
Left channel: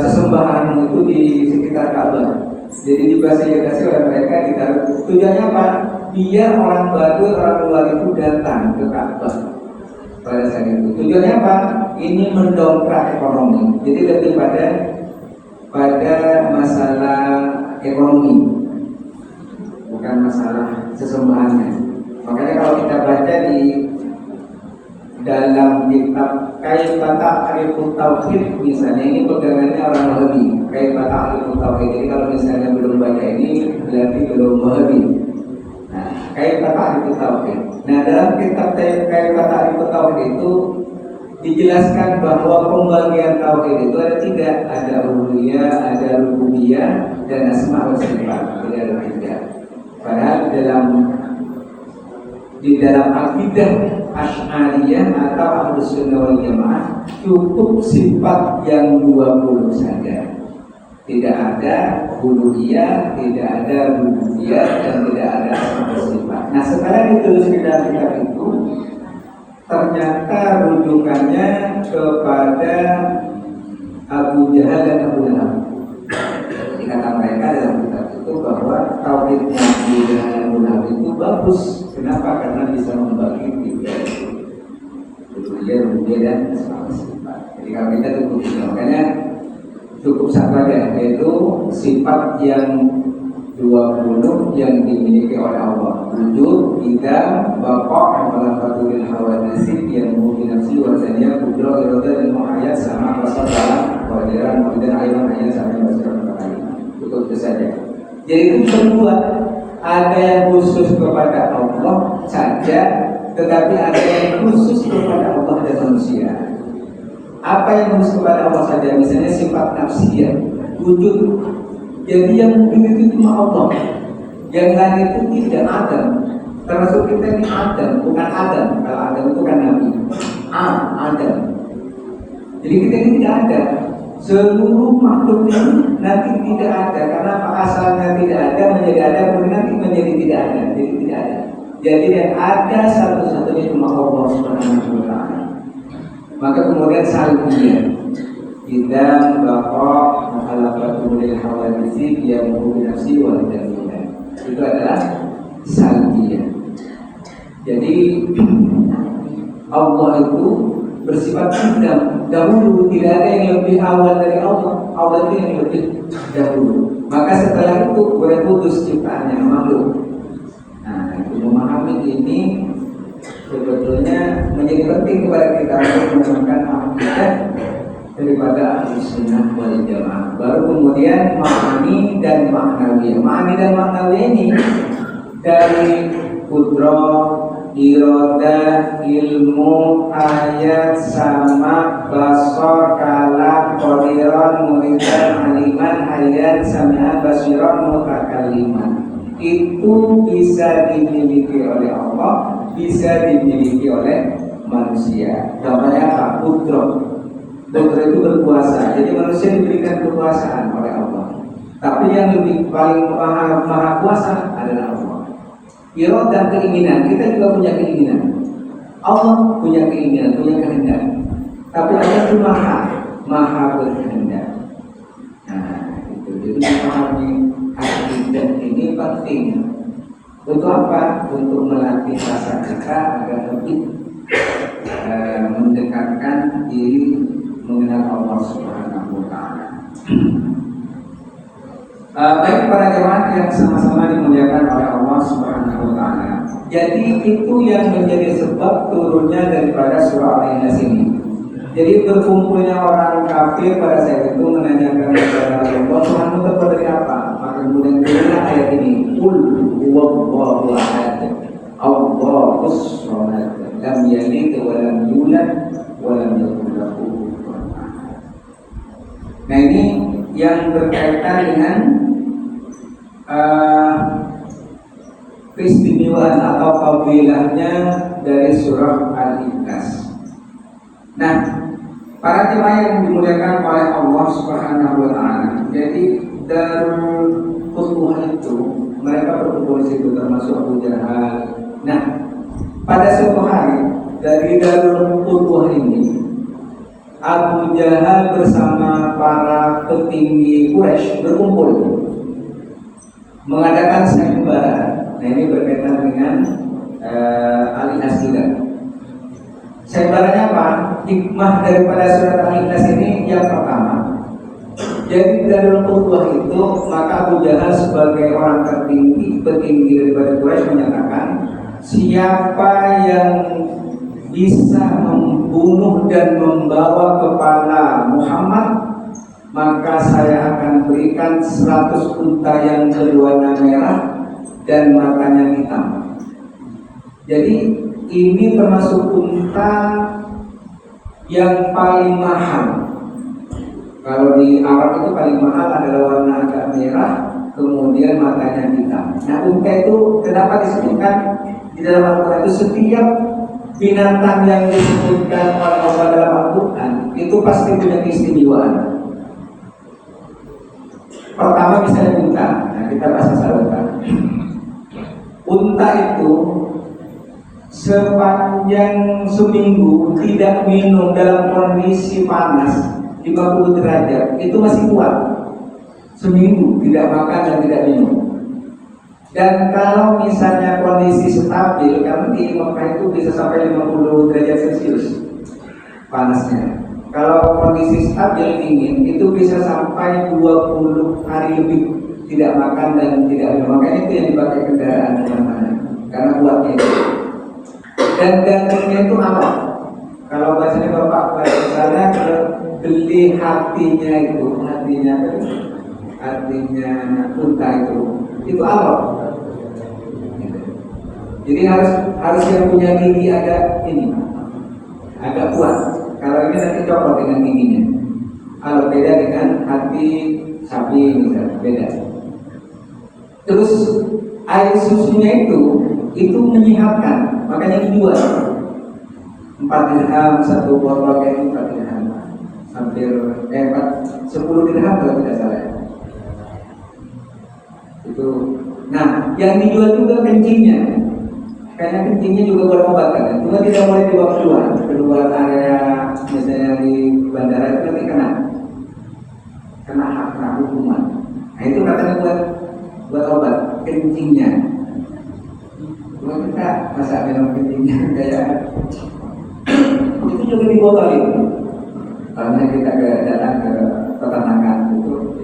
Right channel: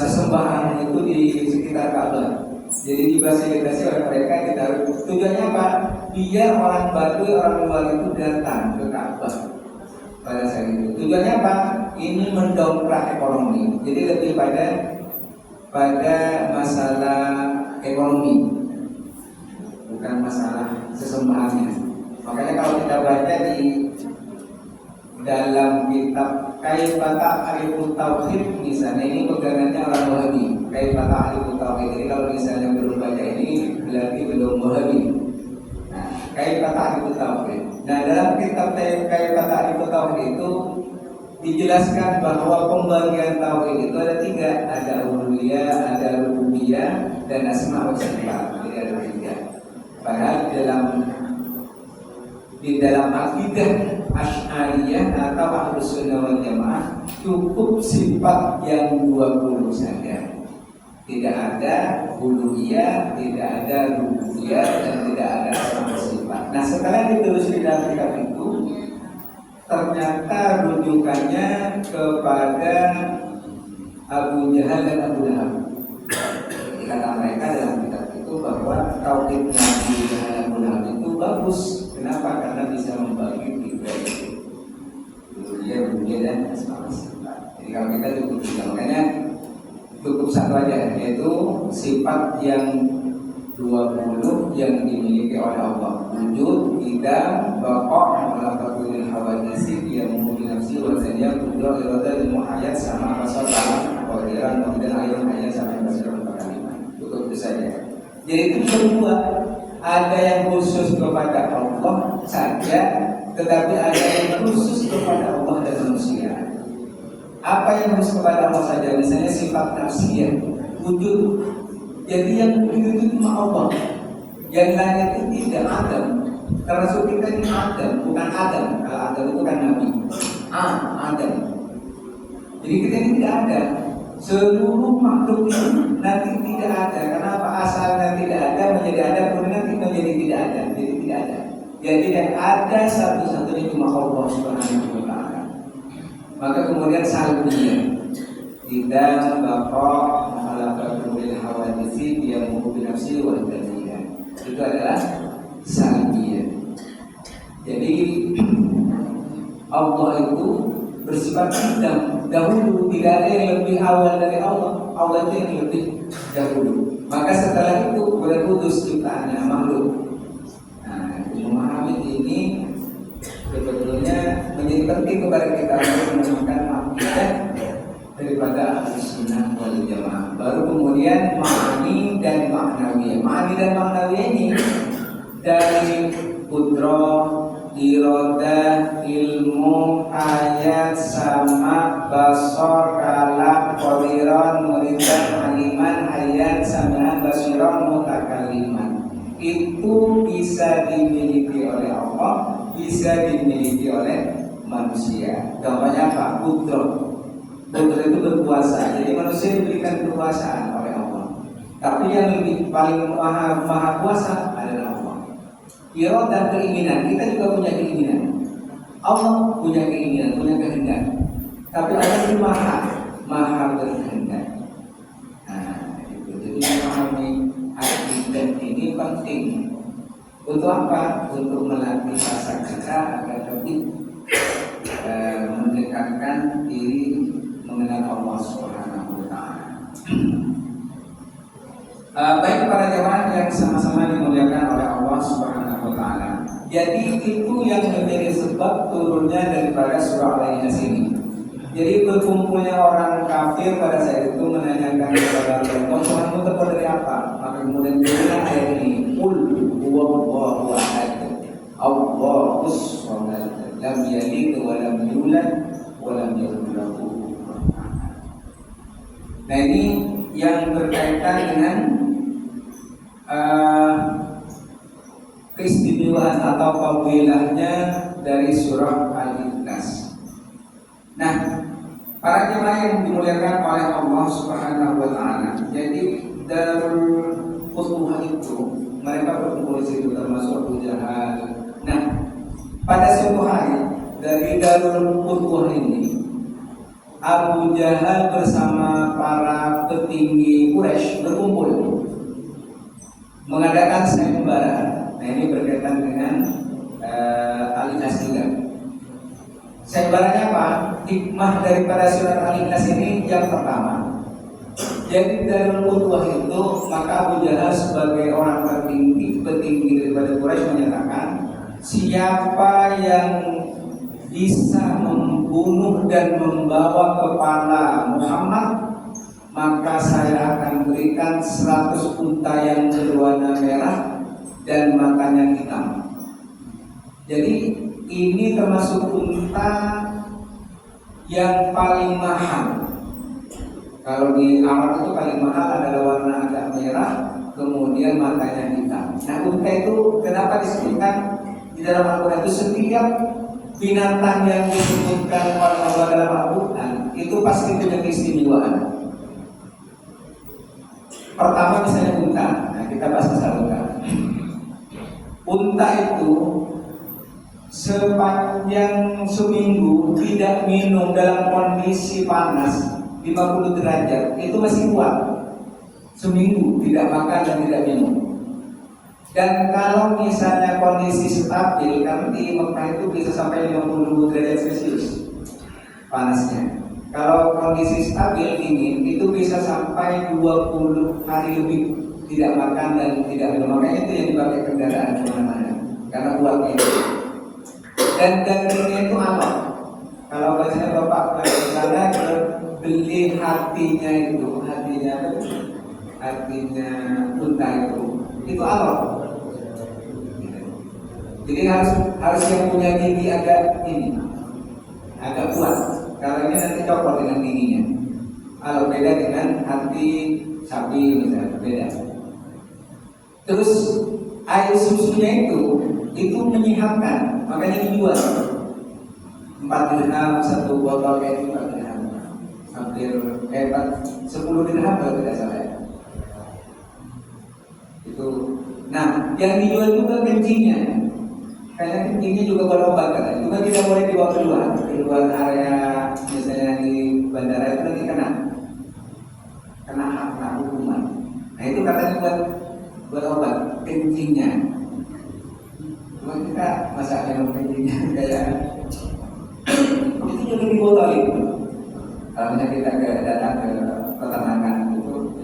sesembahanmu itu di sekitar Ka'bah. Jadi difasilitasi oleh mereka ditaruh. Tujuannya apa? Biar orang Baduy, orang luar itu datang ke Ka'bah pada saat itu. Tujuannya apa? Ini mendongkrak ekonomi. Jadi lebih pada masalah ekonomi, bukan masalah sesembahannya. Makanya kalau kita baca di dalam kitab Kaifa Ta'rifu Tauhid misalnya, ini pegangannya orang Wahabi. Kaifa Ta'rifu Tauhid. Jadi kalau misalnya belum baca ini berarti belum Wahabi. Nah, Kaifa Ta'rifu Tauhid. Nah, dalam kitab Kaifa Ta'rifu Tauhid itu dijelaskan bahwa pembagian tauhid itu ada 3, ada uluhiyah, ada rububiyah, dan asma wa sifat. Jadi ada 3. Padahal di dalam akidah Asy'ariyah atau Ahlus Sunnah wal Jamaah cukup sifat yang 20 saja. Tidak ada uluhiyah, tidak ada rububiyah, dan tidak ada asma wa sifat. Nah, setelah ditelusuri dalam kitab itu, ternyata rujukannya kepada Abu Jahal dan Abu Lahab. Dikata mereka dalam kitab itu bahwa tauhidnya Abu Jahal dan Abu Lahab itu bagus. Kenapa? Karena bisa membagi 3 itu, uluhiyah, rububiyah, dan asma wa sifat. Jadi kalau kita cukup 3, makanya cukup satu aja, yaitu sifat yang 20 yang dimiliki oleh Allah. Wujud, idam, baqa', malafatul hawadisi, yang mubinafsi, wazaniyah, kudra, irada, dan muhayyad, sama basar, dalam, wadiran, wabidan, ayam, ayam, sama basirah, 4 kali. Cukup itu saja. Jadi itu semua ada yang khusus kepada Allah saja, tetapi ada yang khusus kepada Allah dan manusia. Apa yang khusus kepada Allah saja? Misalnya sifat nafsiyah, wujud. Jadi yang mungkin itu cuma Allah. Yang lain itu tidak Adam. Termasuk kita ini Adam, bukan Adam. Kalau Adam itu kan Nabi. Adam. Jadi kita ini tidak ada. Seluruh makhluk ini nanti tidak ada. Karena apa? Asalnya tidak ada menjadi ada, kemudian nanti menjadi tidak ada. Jadi tidak ada. Jadi yang ada satu-satunya cuma Allah Subhanahu wa Ta'ala. Maka kemudian salbiyah, idam, baqa', mukhalafatul hawadisi, yang binafsi wal dzatiyah. Itu adalah salbiyah. Jadi Allah itu bersifat idam, dahulu, tidak ada yang lebih awal dari Allah. Allah itu yang lebih dahulu. Maka setelah itu boleh putus ciptaannya makhluk. Nah, memahami ini sebetulnya menjadi penting kepada kita untuk menemukan akidah daripada ahli sunnah wal jamaah. Baru kemudian ma'ani dan ma'nawiyah. Ma'ani dan ma'nawiyah ini dari kudrah, iradah, ilmu, ayat, sama, basar, kalam, qadiran, muridan, aliman, hayat, sami'an, basiran, mutakalliman. Itu bisa dimiliki oleh Allah, bisa dimiliki oleh manusia. Contohnya apa? Kudrah. Kudrah itu berkuasa. Jadi manusia diberikan kekuasaan oleh Allah. Tapi yang lebih paling maha kuasa adalah Allah. Iradah dan keinginan, kita juga punya keinginan. Allah punya keinginan, punya kehendak. Tapi Allah itu maha berkehendak. Nah, itu. Jadi memahami akidah ini penting. Untuk apa? Untuk melatih rasa kita agar lebih mendekatkan diri mengenal Allah Subhanahu wa taala. Baik para jemaah yang sama-sama dimuliakan oleh Allah Subhanahu wa taala. Jadi itu yang menjadi sebab turunnya daripada surah Al-Ikhlas ini. Jadi berkumpulnya orang kafir pada saat itu menanyakan kepada Allah, Tuhanmu terbuat dari apa? Maka kemudian turunlah ayat ini, Qul huwallahu ahad, Allahus samad, lam yalid wa lam yulad wa lam yakul lahu kufuwan ahad. Nah, ini yang berkaitan dengan keistimewaan atau fadilahnya dari surah Al-Ikhlas. Nah, para jemaah yang dimuliakan oleh Allah Subhanahu wa taala. Jadi Darul Qutwah itu mereka berkumpul di situ termasuk Abu Jahal. Nah, pada suatu hari dari Darul Qutwah ini Abu Jahal bersama para petinggi Quraisy berkumpul mengadakan sayembara. Nah, ini berkaitan dengan Al-Ikhlas juga. Sayembaranya apa? Hikmah daripada surat Al-Ikhlas ini yang pertama. Jadi dari Qutwah itu maka Abu Jahal sebagai orang petinggi daripada Quraisy menyatakan, siapa yang bisa membunuh dan membawa kepala Muhammad, maka saya akan berikan 100 unta yang berwarna merah dan matanya hitam. Jadi ini termasuk unta yang paling mahal. Kalau di Arab itu paling mahal adalah warna agak merah, kemudian matanya hitam. Nah, unta itu kenapa disebutkan di dalam Al-Quran itu setiap binatang yang disebutkan oleh Allah dalam Al-Quran itu pasti punya keistimewaan. Pertama misalnya unta. Nah, kita bahas masalah unta. Unta itu sepanjang seminggu tidak minum dalam kondisi panas 50 derajat itu masih kuat. Seminggu tidak makan dan tidak minum. Dan kalau misalnya kondisi stabil, karena di Mekah itu bisa sampai 50 derajat Celcius panasnya. Kalau kondisi stabil dingin itu bisa sampai 20 hari lebih tidak makan dan tidak minum. Makanya itu yang dipakai kendaraan kemana-mana karena kuatnya itu. Dan dagingnya itu halal. Kalau bahasanya Bapak ke sana beli hatinya apa itu? Hatinya unta itu halal. Jadi harus yang punya gigi agak kuat. Kalau ini nanti copot dengan giginya. Kalau beda dengan hati sapi misalnya, beda. Terus air susunya itu menyehatkan, makanya dijual 4 dirham satu botol kayak itu 4 dirham. Hampir 10 dirham kalau tidak salah. Itu. Nah, yang dijual juga kencingnya. Karena kencingnya juga buat obat kan. Cuma tidak boleh dibawa keluar area misalnya di bandara itu nanti kena hukuman. Nah, itu katanya buat obat kencingnya. Cuma kita masa minum kencingnya kayak itu juga dibotolin. Kalau kita datang ke peternakan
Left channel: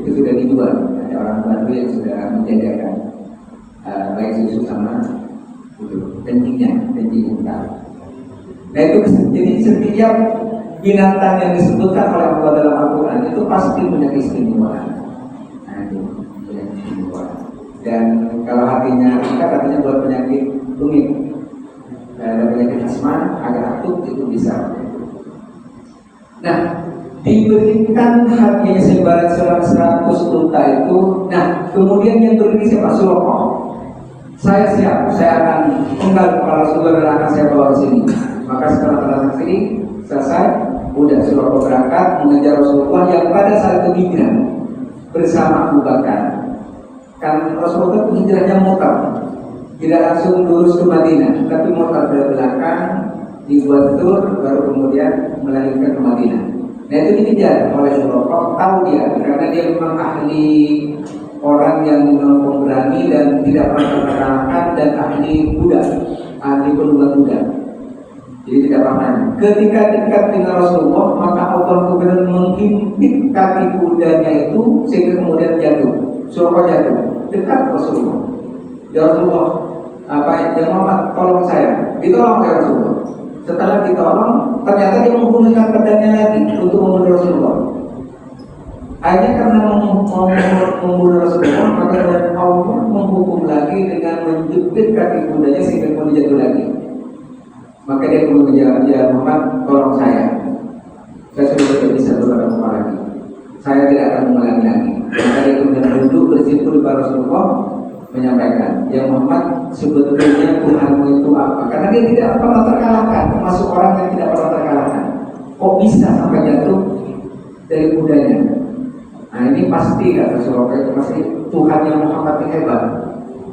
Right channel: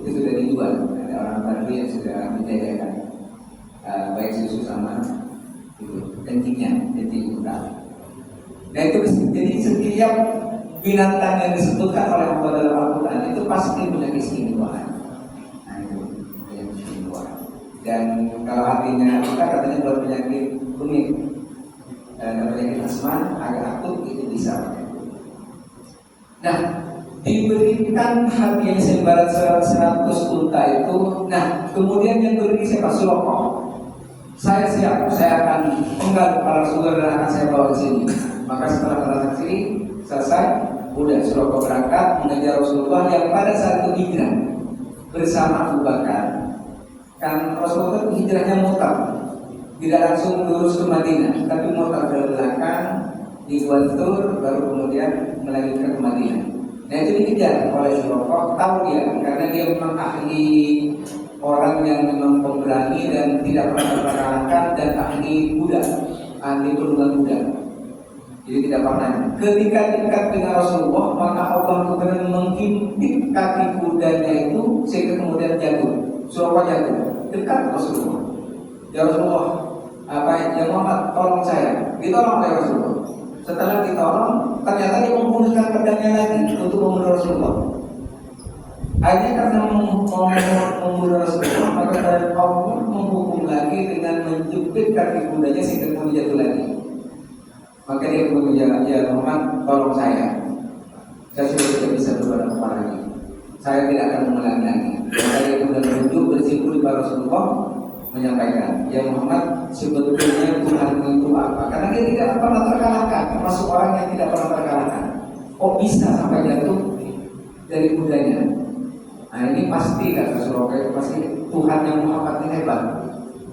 itu sudah dijual. Ada orang baru yang sudah menjajakan baik susu sama kencing unta. Nah itu jadi setiap binatang yang disebutkan oleh Allah dalam Al-Quran itu pasti punya keistimewaan. Nah itu punya keistimewaan. Dan kalau hatinya kita katanya buat penyakit rumit, ada penyakit asma agak akut itu bisa. Nah, diberikan hatinya sebarat 100 unta itu. Nah, kemudian yang berdiri siapa? Suraqah. Saya siap, saya akan penggal kepala Rasulullah dan akan saya bawa ke sini. Maka setelah transaksi ini selesai, udah Suraqah berangkat mengejar Rasulullah yang pada saat itu hijrah bersama Abu Bakar. Kan Rasulullah itu hijrahnya mutar, tidak langsung lurus ke Madinah, tapi mutar dari belakang dibuat tur, baru kemudian melanjutkan ke Madinah. Nah itu dikejar oleh Suraqah, tahu dia karena dia memang ahli, orang yang memang pemberani dan tidak pernah terkalahkan, dan ahli kuda, ahli penunggang kuda. Jadi tidak pernah. Ketika dekat dengan Rasulullah, maka Allah kemudian menghimpit kaki kudanya itu sehingga kemudian jatuh. Suraqah jatuh dekat Rasulullah. Ya Rasulullah, ya Muhammad, tolong saya. Ditolong oleh Rasulullah. Setelah ditolong, ternyata dia menggunakan pedangnya lagi untuk membunuh Rasulullah. Hanya karena membunuh Rasulullah, maka Allah menghukum lagi dengan menjepit kaki kudanya sehingga kemudian jatuh lagi. Maka dia kemudian, ya Muhammad, tolong saya sudah tidak bisa berada lagi. Saya tidak akan mengulangi lagi. Dan saya kemudian duduk bersimpul di depan Rasulullah menyampaikan, ya Muhammad, sebetulnya Tuhanmu itu apa? Karena dia tidak pernah terkalahkan, termasuk orang yang tidak pernah terkalahkan. Kok bisa sampai jatuh dari kudanya? Nah ini pasti kata Suraqah itu pasti Tuhannya Muhammad ini hebat.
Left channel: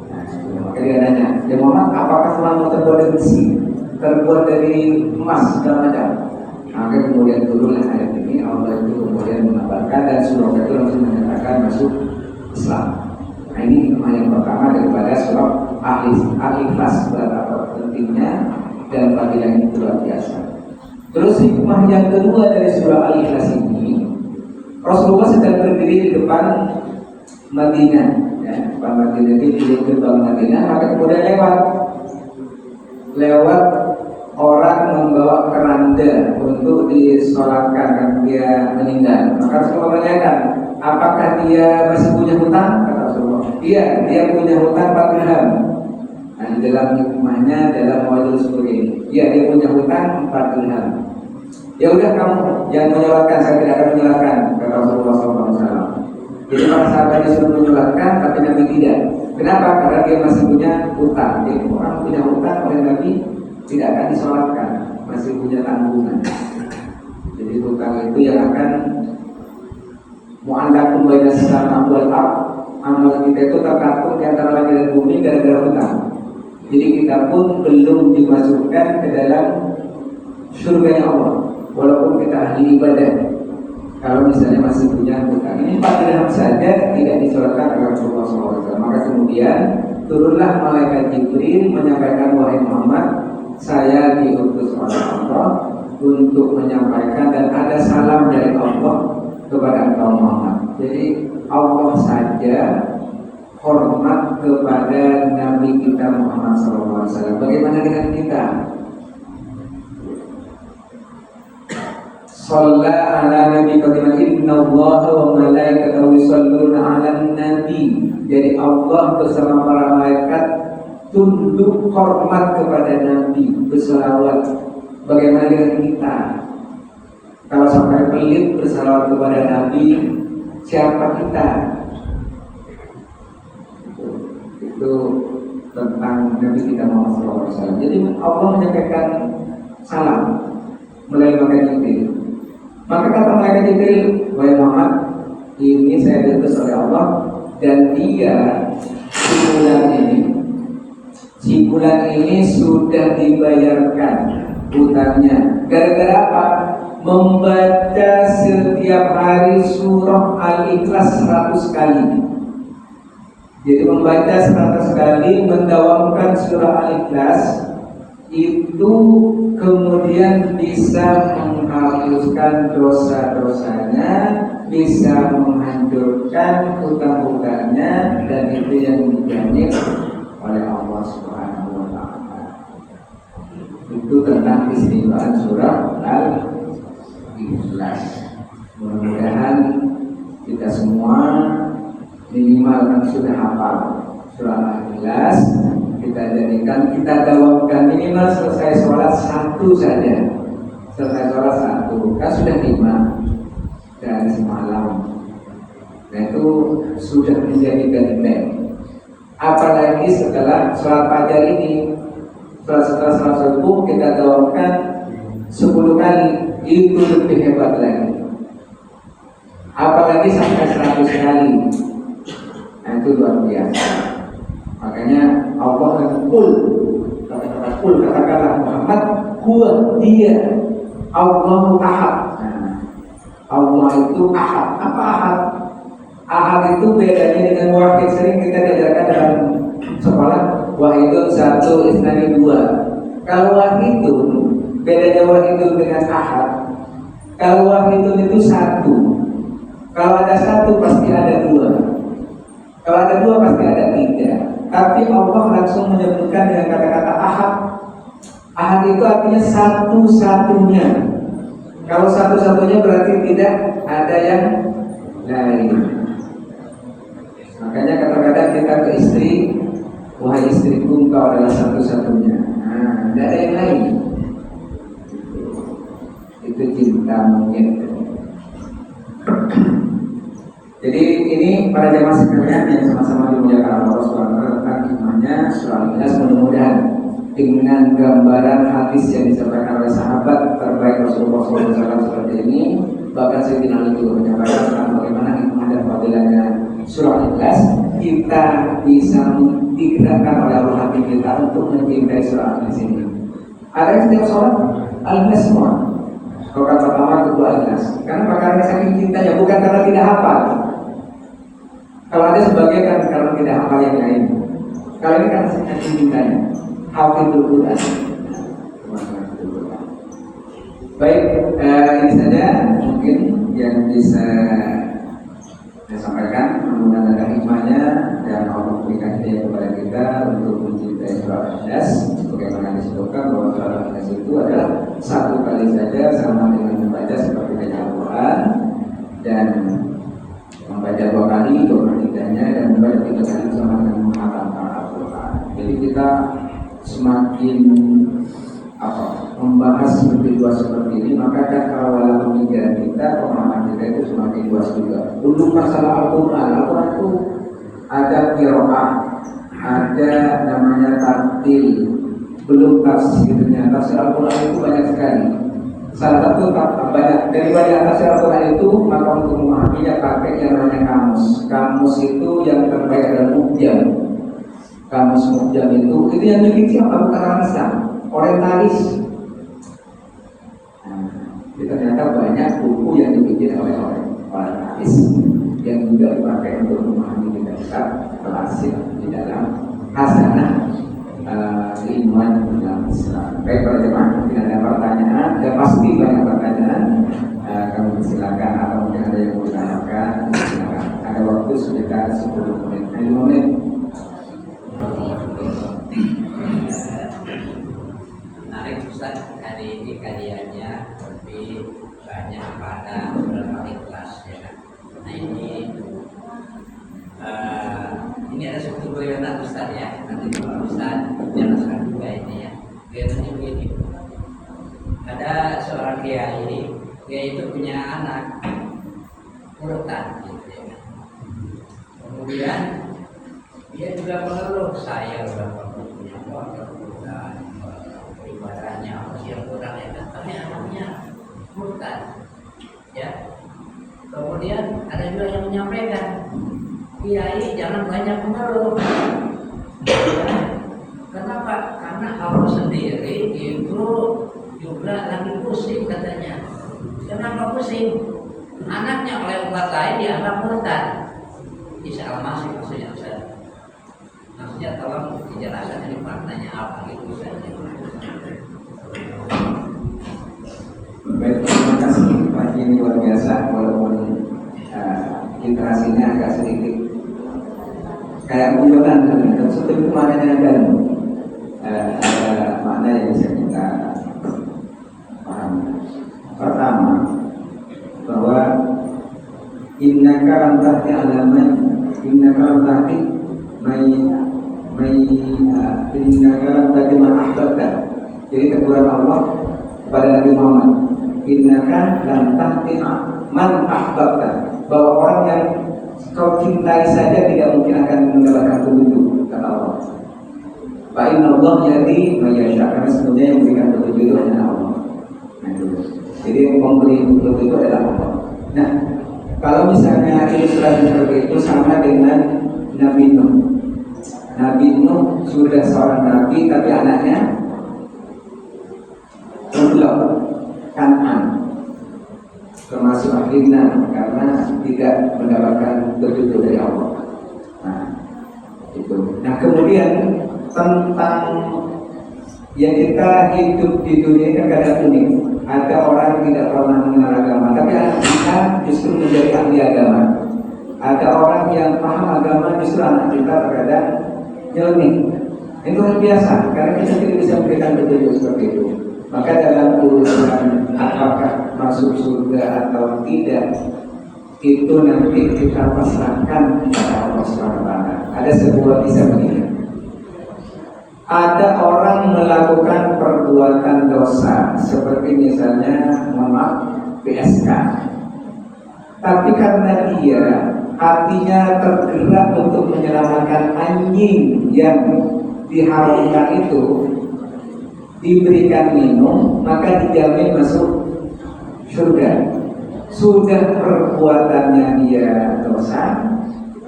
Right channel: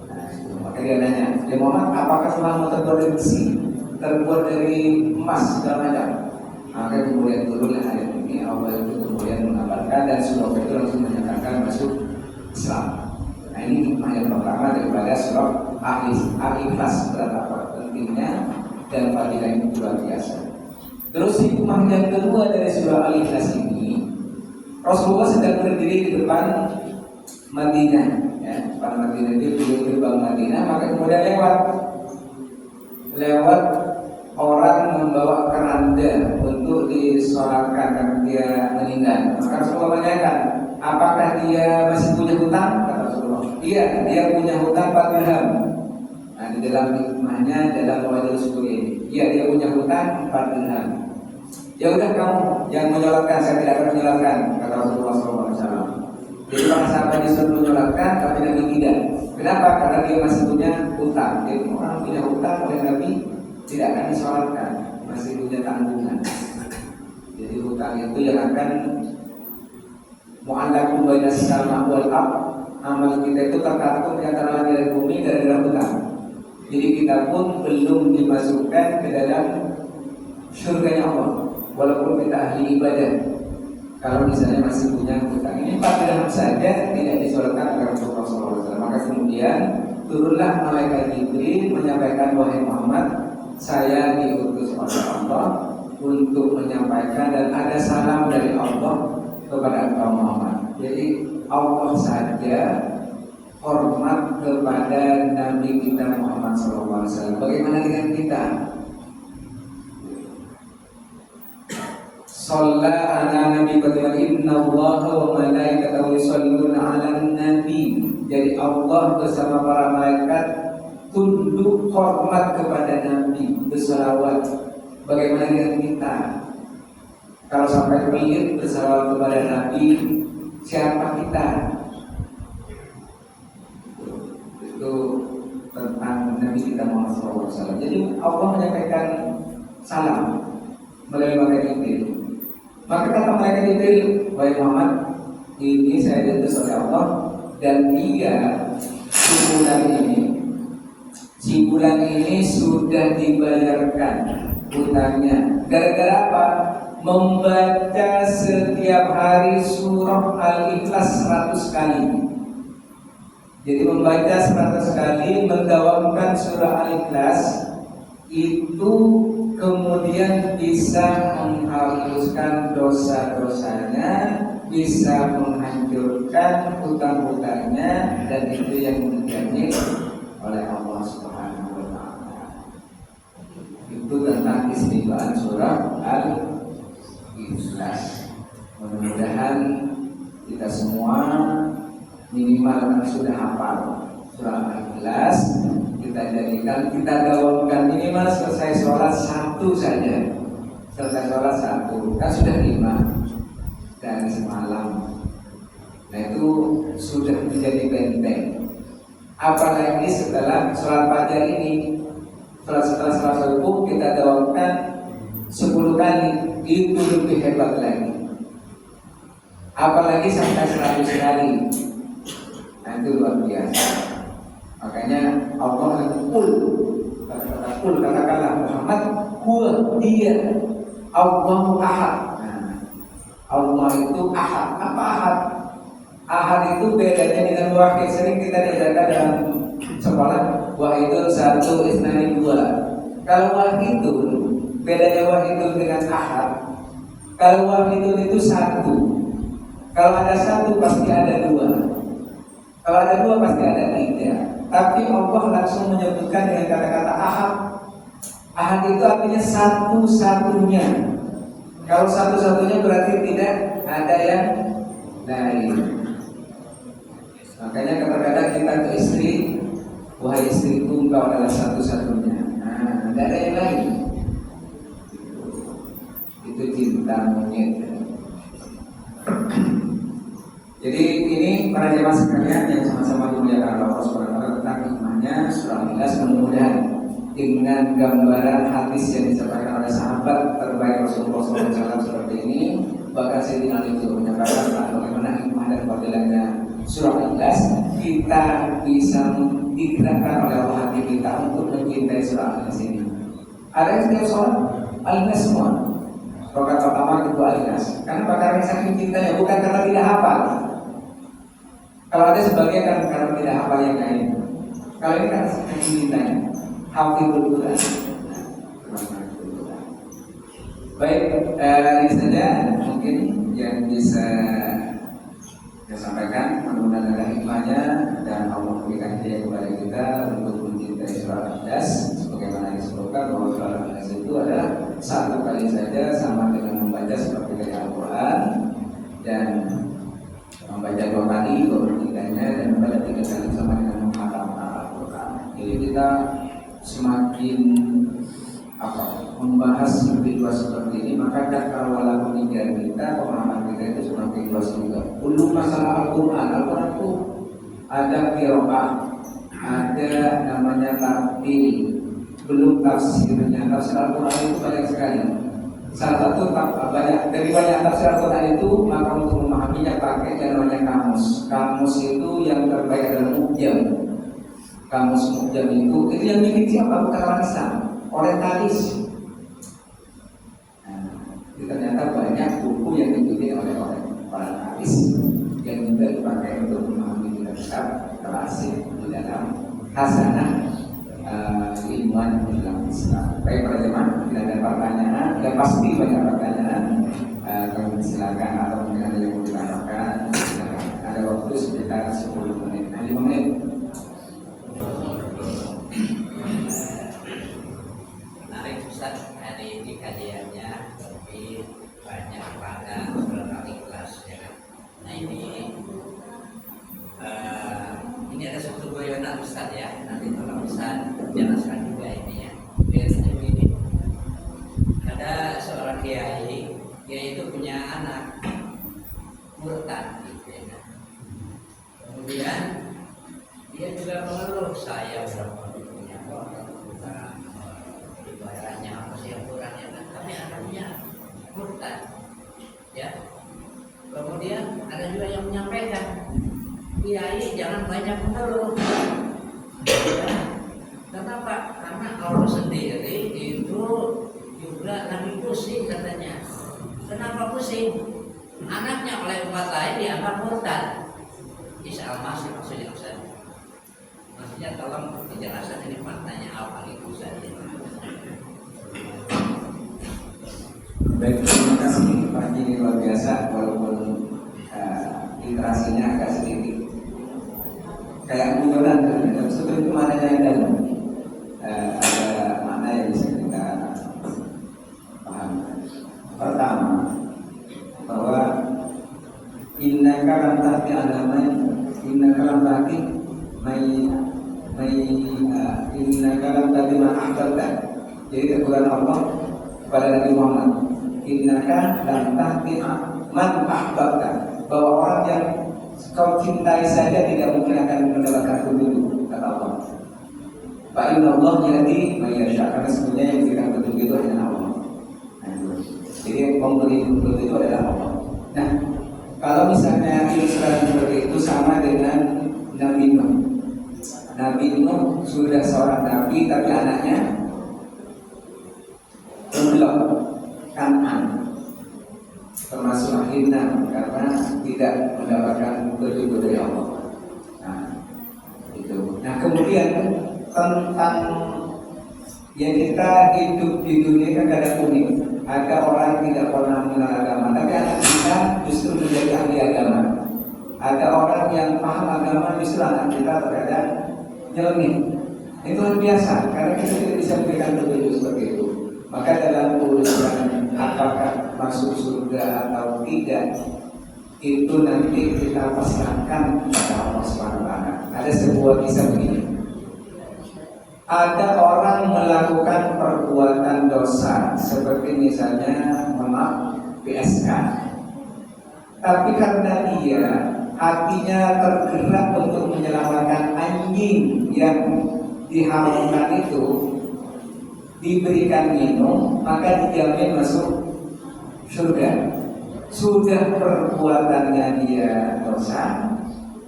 Nah, maka dia nanya, ya Muhammad, apakah Tuhanmu terbuat dari besi, terbuat dari emas segala macam? Maka kemudian turunlah ayat ini. Allah itu kemudian mengabarkan dan Suraqah itu langsung menyatakan masuk Islam. Nah ini hikmah yang pertama daripada surah Al-Ikhlas, betapa pentingnya dan fadilahnya luar biasa. Terus hikmah yang kedua dari surah Al-Ikhlas ini, Rasulullah sedang berdiri di depan Madinah, ya, depan Madinah di gerbang Madinah, maka kemudian lewat orang membawa keranda untuk disolatkan kan dia meninggal. Maka Rasulullah menanyakan, apakah dia masih punya hutang? Kata Rasulullah, iya, dia punya hutang 4 dirham. Nah, di dalam hikmahnya dalam Mawaidul Suri ini, iya dia punya hutang 4 dirham. Ya udah kamu yang menyolatkan, saya tidak akan menyolatkan, kata Rasulullah SAW. Jadi para sahabat disuruh menyolatkan, tapi Nabi tidak. Kenapa? Karena dia masih punya hutang. Jadi orang punya hutang oleh Nabi tidak akan disolatkan, masih punya tanggungan. Jadi hutang itu yang akan mu'allaqun bainas sama wal ardh. Amal kita itu tergantung di antara langit dan bumi gara-gara hutang. Jadi kita pun belum dimasukkan ke dalam surganya Allah, walaupun kita ahli ibadah. Kalau misalnya masih punya hutang, ini 4 dirham saja tidak disolatkan oleh Rasulullah SAW. Maka kemudian turunlah malaikat Jibril menyampaikan, wahai Muhammad, saya diutus oleh Allah untuk menyampaikan dan ada salam dari Allah kepada engkau Muhammad. Jadi Allah saja hormat kepada Nabi kita Muhammad SAW. Bagaimana dengan kita? Shalla ala nabi qadiman inna allaha wa malaikatahu yusholluna ala nabi. Jadi Allah bersama para malaikat tunduk hormat kepada Nabi, bersalawat. Bagaimana dengan kita? Kalau sampai pelit bersalawat kepada Nabi, siapa kita? Itu tentang Nabi kita Muhammad SAW. Jadi Allah menyampaikan salam melalui malaikat Jibril. Maka kata malaikat Jibril, wahai Muhammad, ini saya diutus oleh Allah dan dia si bulan ini sudah dibayarkan hutangnya. Gara-gara apa? Membaca setiap hari surah Al-Ikhlas 100 kali. Jadi membaca 100 kali, mendawamkan surah Al-Ikhlas itu kemudian bisa menghapuskan dosa-dosanya, bisa menghancurkan hutang-hutangnya, dan itu yang dijamin oleh Allah Subhanahu wa taala. Itu tentang istimewaan surah Ikhlas. Mudah-mudahan kita semua minimal kan sudah hafal surah Al-Ikhlas. Kita jadikan, kita dawamkan minimal selesai sholat satu saja. Selesai sholat satu, kan sudah 5 dari semalam. Nah itu sudah menjadi benteng. Apalagi setelah sholat fajar ini, setelah sholat subuh kita dawamkan 10 kali, itu lebih hebat lagi. Apalagi sampai 100 kali, nah itu luar biasa. Makanya Allah yang katakanlah Muhammad, huwa dia Allahu ahad. Nah, Allah itu ahad. Apa ahad? Ahad itu bedanya dengan wahid. Sering kita diajarkan dalam sekolah, wahidun 1, isnani 2. Kalau wahidun, bedanya wahidun dengan ahad. Kalau wahidun itu 1. Kalau ada 1 pasti ada 2. Kalau ada 2 pasti ada 3. Tapi Allah langsung menyebutkan dengan kata-kata ahad. Ahad itu artinya satu-satunya. Kalau satu-satunya berarti tidak ada yang lain. Makanya kadang-kadang kita ke istri, wahai istriku, engkau adalah satu-satunya. Nah, tidak ada yang lain. Itu cinta monyet. Jadi ini para jamaah sekalian yang sama-sama dimuliakan Allah SWT tentang hikmahnya surah Al-Ikhlas. Mudah-mudahan dengan gambaran hadis yang disampaikan oleh sahabat terbaik Rasulullah SAW seperti ini, bahkan Sayyidina Ali juga menyampaikan tentang bagaimana hikmah dan fadilahnya surah Al-Ikhlas, kita bisa digerakkan oleh Allah hati kita untuk mencintai surah Al-Ikhlas ini. Ada yang setiap sholat Al-Ikhlas semua. Rakaat pertama, kedua Al-Ikhlas. Karena karena saking cintanya, bukan karena tidak hafal. Kalau ada sebagian kan karena tidak hafal yang lain. Kalau ini karena saking cintanya. Hafizul Quran. Baik, ini saja mungkin yang bisa saya sampaikan. Mudah-mudahan ada hikmahnya dan Allah berikan hidayah kepada kita untuk mencintai surah Al-Ikhlas. Sebagaimana disebutkan bahwa surah Al-Ikhlas itu adalah satu kali saja sama dengan membaca seperti baca Al-Quran, dan membaca 2 kali berpertiganya, dan membaca 3 kali sama dengan menghafalkan Al-Quran. Jadi kita semakin membahas lebih luas seperti ini, maka cakrawala pemikiran kita, pemahaman kita itu semakin luas juga. Untuk masalah Al-Quran, Al-Quran itu ada qiraah, ada namanya tartil, belum tafsirnya. Tafsir Al-Quran itu banyak sekali. Salah satu dari banyak tafsir Al-Quran itu, maka untuk memahaminya pakai yang namanya kamus. Kamus itu yang terbaik adalah Mu'jam. Kamus Mu'jam itu yang bikin siapa? Bukan orang Islam, orientalis. Nah, ternyata banyak buku yang dibikin oleh orientalis yang juga dipakai untuk memahami kitab-kitab klasik di dalam hasanah keimanan dalam Islam. Baik para jemaah, mungkin ada pertanyaan, dan pasti banyak pertanyaan. Kami silakan, atau mungkin ada yang mau ditanyakan, silakan. Ada waktu sekitar 10 menit, 5 menit. Menarik Ustaz, hari ini kajiannya lebih banyak pada surat Al-Ikhlas, ya kan? Nah ini ada suatu goyonan Ustaz ya. Nanti Pak Ustaz jelaskan juga ini ya. Biasanya begini. Ada seorang kiai, dia itu punya anak murtad gitu ya kan. Kemudian dia juga mengeluh, saya berapa punya murtad, ibadahnya apa sih yang kurang ya kan? Karena anaknya murtad. Ya. Kemudian ada juga yang menyampaikan, kiai jangan banyak mengeluh. Kenapa? Karena Allah sendiri itu juga lagi pusing katanya. Kenapa pusing? Anaknya oleh umat lain dianggap murtad. Isa al-Masih maksudnya Ustaz. Maksudnya tolong dijelaskan ini maknanya apa gitu Ustaz. Baik, terima kasih Pak Jini, luar biasa. Walaupun literasinya agak sedikit kayak guyonan, tapi sebetulnya maknanya dan ada makna yang bisa kita paham. Pertama, innaka lam tahdi ala man innaka lam tahdi innaka lam tahdi man ahbabta. Jadi teguran Allah kepada Nabi Muhammad, innaka lam tahdi man ahbabta, bahwa orang yang kau cintai saja tidak mungkin akan mendapatkan petunjuk, kata Allah. Fa inna Allah yahdi may yasha, karena sebenarnya yang memberikan petunjuk itu adalah Allah. Nah, itu. Jadi yang memberi petunjuk itu adalah Allah. Nah, kalau misalnya ilustrasi seperti itu sama dengan Nabi Nuh. Nabi Nuh sudah seorang nabi tapi anaknya belum Kan'an, termasuk akhirnya karena tidak mendapatkan petunjuk dari Allah. Nah, itu. Nah, kemudian tentang yang kita hidup di dunia kan kadang unik. Ada orang tidak pernah mengenal agama, tapi anak kita justru menjadi ahli agama. Ada orang yang paham agama, justru anak kita terkadang nyeleneh. Itu hal biasa, karena kita tidak bisa memberikan petunjuk seperti itu. Maka dalam urusan apakah masuk surga atau tidak, itu nanti kita pasrahkan kepada Allah SWT. Ada sebuah kisah begini. Ada orang melakukan perbuatan dosa, seperti misalnya PSK. Tapi karena dia hatinya tergerak untuk menyelamatkan anjing yang diharamkan itu, diberikan minum, maka dijamin masuk surga. Sudah perbuatannya dia dosa,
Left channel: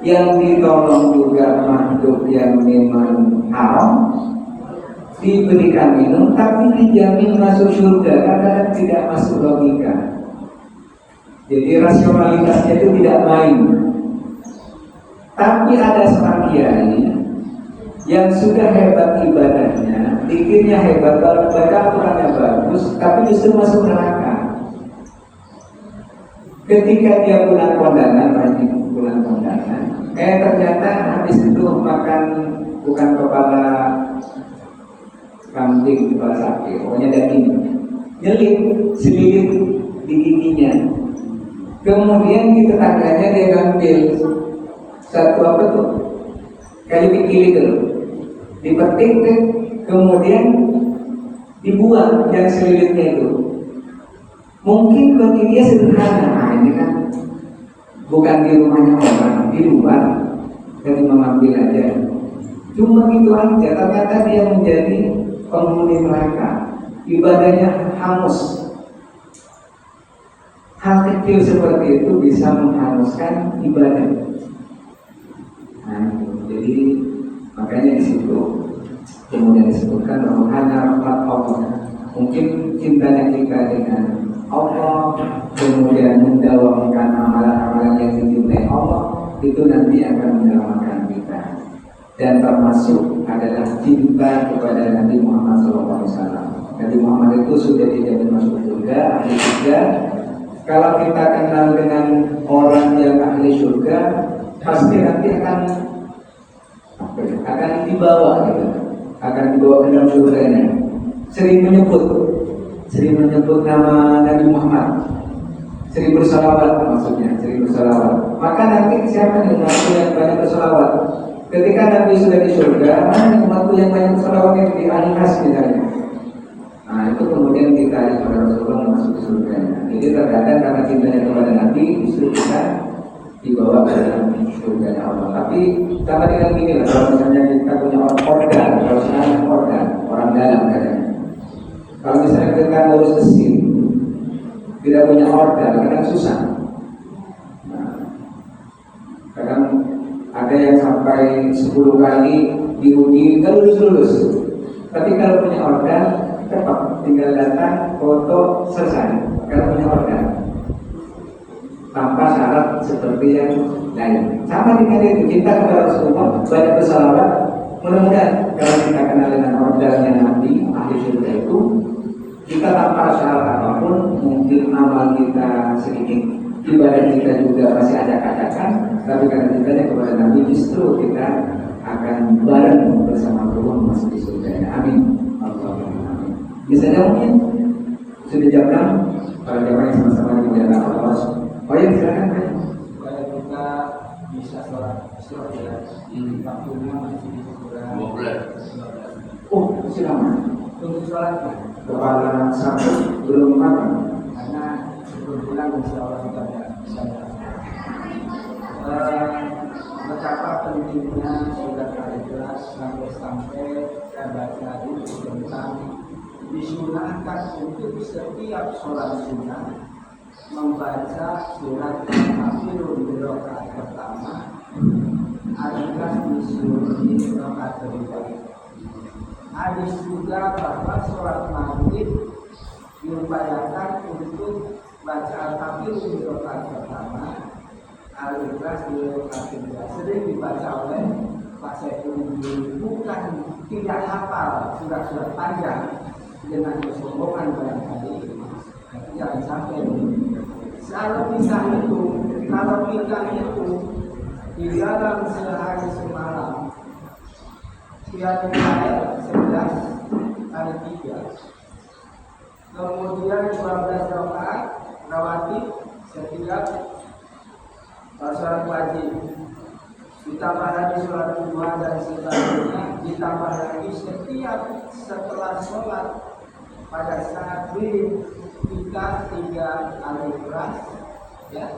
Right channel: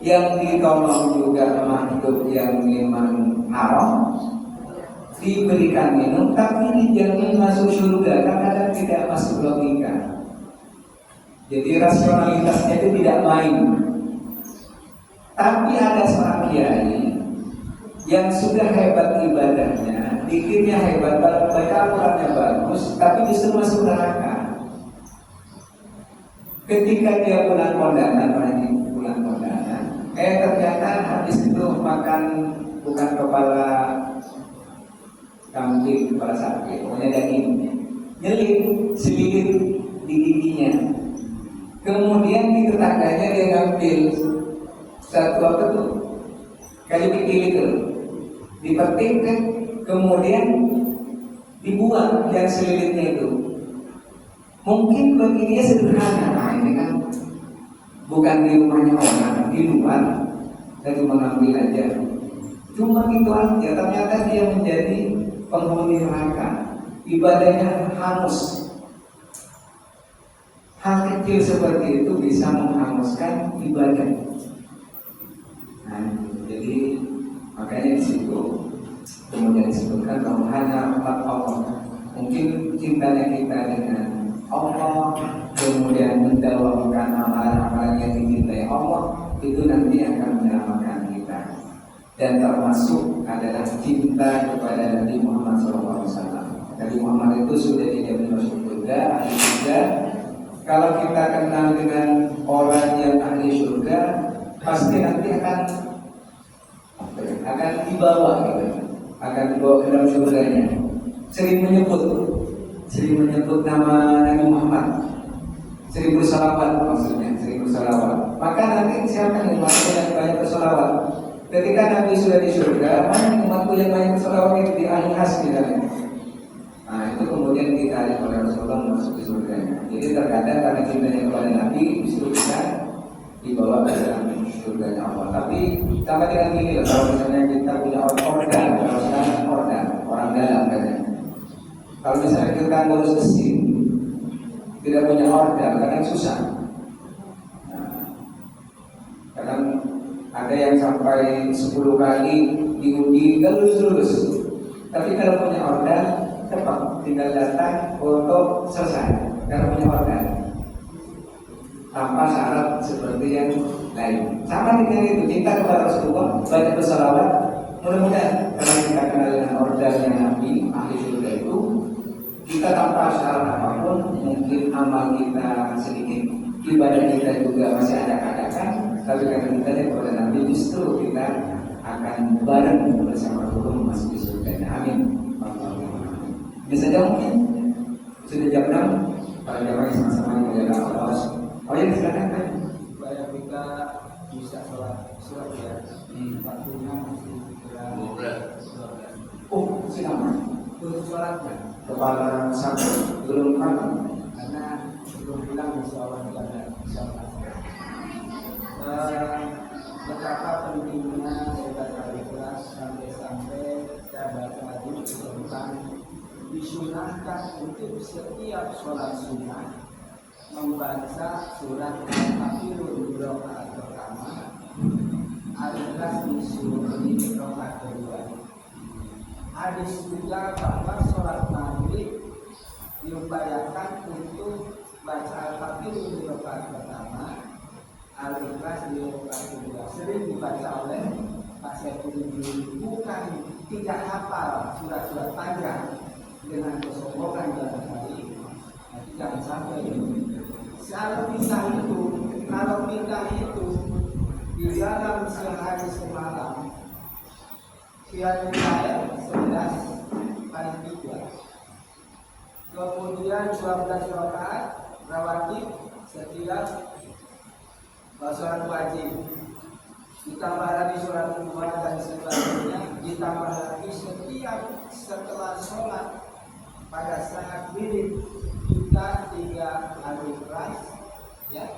yang ditolong juga makhluk yang memang haram, diberikan minum, tapi dijamin masuk surga. Kadang-kadang tidak masuk logika. Jadi rasionalitasnya itu tidak main. Tapi ada seorang kiai yang sudah hebat ibadahnya, zikirnya hebat, baca Al-Qur'annya bagus, tapi justru masuk neraka. Ketika dia pulang kondangan, ternyata habis itu makan bukan kepala kambing, kepala sapi, pokoknya daging, nyelip, selilit di giginya. Kemudian di tetangganya dia ngambil satu apa tuh, kayu pikil itu, dipetik, kemudian dibuang yang selilitnya itu. Mungkin bagi dia sederhana, nah ini kan bukan di rumahnya orang, di luar, dan mengambil aja. Cuma gitu aja, ternyata dia menjadi penghuni neraka. Ibadahnya hangus. Hal kecil seperti itu bisa menghanguskan ibadah. Nah, jadi makanya di situ kemudian disebutkan bahwa hanya rahmat Allah. Mungkin cintanya kita dengan Allah, kemudian mendawamkan amalan-amalan yang dicintai Allah, itu nanti akan menyelamatkan kita. Dan termasuk adalah cinta kepada Nabi Muhammad SAW. Nabi Muhammad itu sudah dijamin masuk surga, ahli surga. Kalau kita kenal dengan orang yang ahli surga, pasti nanti akan dibawa gitu, akan dibawa ke dalam surganya. Sering menyebut nama Nabi Muhammad, sering bersalawat, maksudnya sering bersalawat. Maka nanti siapa nih umatku yang banyak bersalawat? Ketika Nabi sudah di surga, mana nih umatku yang banyak bersalawat itu di ahli khas misalnya. Nah, itu kemudian ditarik oleh Rasulullah masuk ke surganya. Jadi terkadang karena cintanya kepada Nabi, justru kita dibawa ke dalam surganya Allah. Tapi sama dengan gini lah, kalau misalnya kita punya organ, kalau misalnya organ, orang dalam katanya. Kalau misalnya kita ngurus mesin, tidak punya organ, kadang susah. Nah, kadang ada yang sampai 10 kali diuji, nggak lulus. Tapi kalau punya organ, cepat, tinggal datang, foto, selesai. Karena punya organ, tanpa syarat seperti yang lain. Sama dengan itu, cinta kepada Rasulullah, banyak bersalawat. Mudah-mudahan kalau kita kenal dengan organnya Nabi, ahli surga itu, kita tanpa syarat apapun, mungkin amal kita sedikit, ibadah kita juga masih acak-acakan, tapi karena cintanya kepada Nabi, justru kita akan bareng bersama Allah masuk di surganya. Amin. Allahumma amin. Biasanya mungkin sudah jam 6, para jamaah yang sama-sama dimuliakan Allah. Oh ya, silakan Pak. Waktunya masih kurang 12. Oh, masih lama. Untuk sholatnya, Kepala satu belum kapan? karena kebetulan insya Allah kita tidak bisa melakukan. Betapa pentingnya surat Al-Ikhlas sampai saya tadi tentang disunahkan untuk setiap sholat sunnah membaca surat Al-Kafirun di rakaat pertama, Al-Ikhlas di rakaat kedua. Hadis juga bahwa sholat maghrib diupayakan untuk baca Al-Kafirun di rakaat pertama, Al-Ikhlas di rakaat kedua. Sering dibaca oleh Pak Saiful, bukan tidak hafal surat-surat panjang dengan kesombongan barangkali, jangan sampai. Kalau bisa itu, kalau kita itu di dalam sehari semalam Qiyamul Lail 11 ayat 3, kemudian 12 rakaat rawatib setiap sholat wajib, ditambah lagi sholat duha dan sebagainya, ditambah lagi setiap setelah sholat pada saat wirid kita 3 Al-Ikhlas, ya.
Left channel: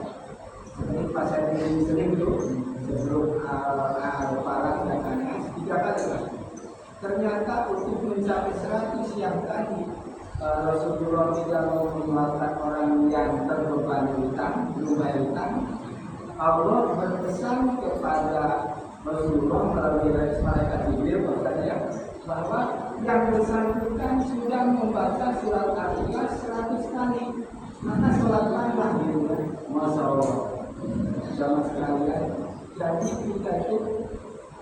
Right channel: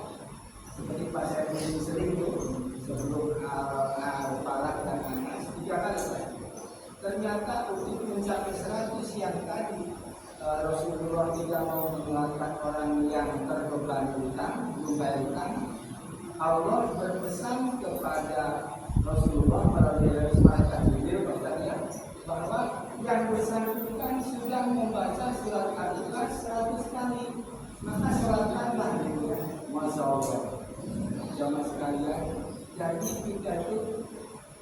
Ini pas saya sering tuh sebelum al-Falaq dan Anas 3 kali lah. Ternyata untuk mencapai 100 yang tadi Rasulullah tidak mau menyelamatkan orang yang terbebani hutang, berubah hutang. Allah berpesan kepada Rasulullah melalui malaikat Jibril bahwa yang bersangkutan sudah membaca surat Al-Ikhlas 100 kali, maka sholatkanlah dirinya. Masya Allah, sama sekalian. Jadi kita itu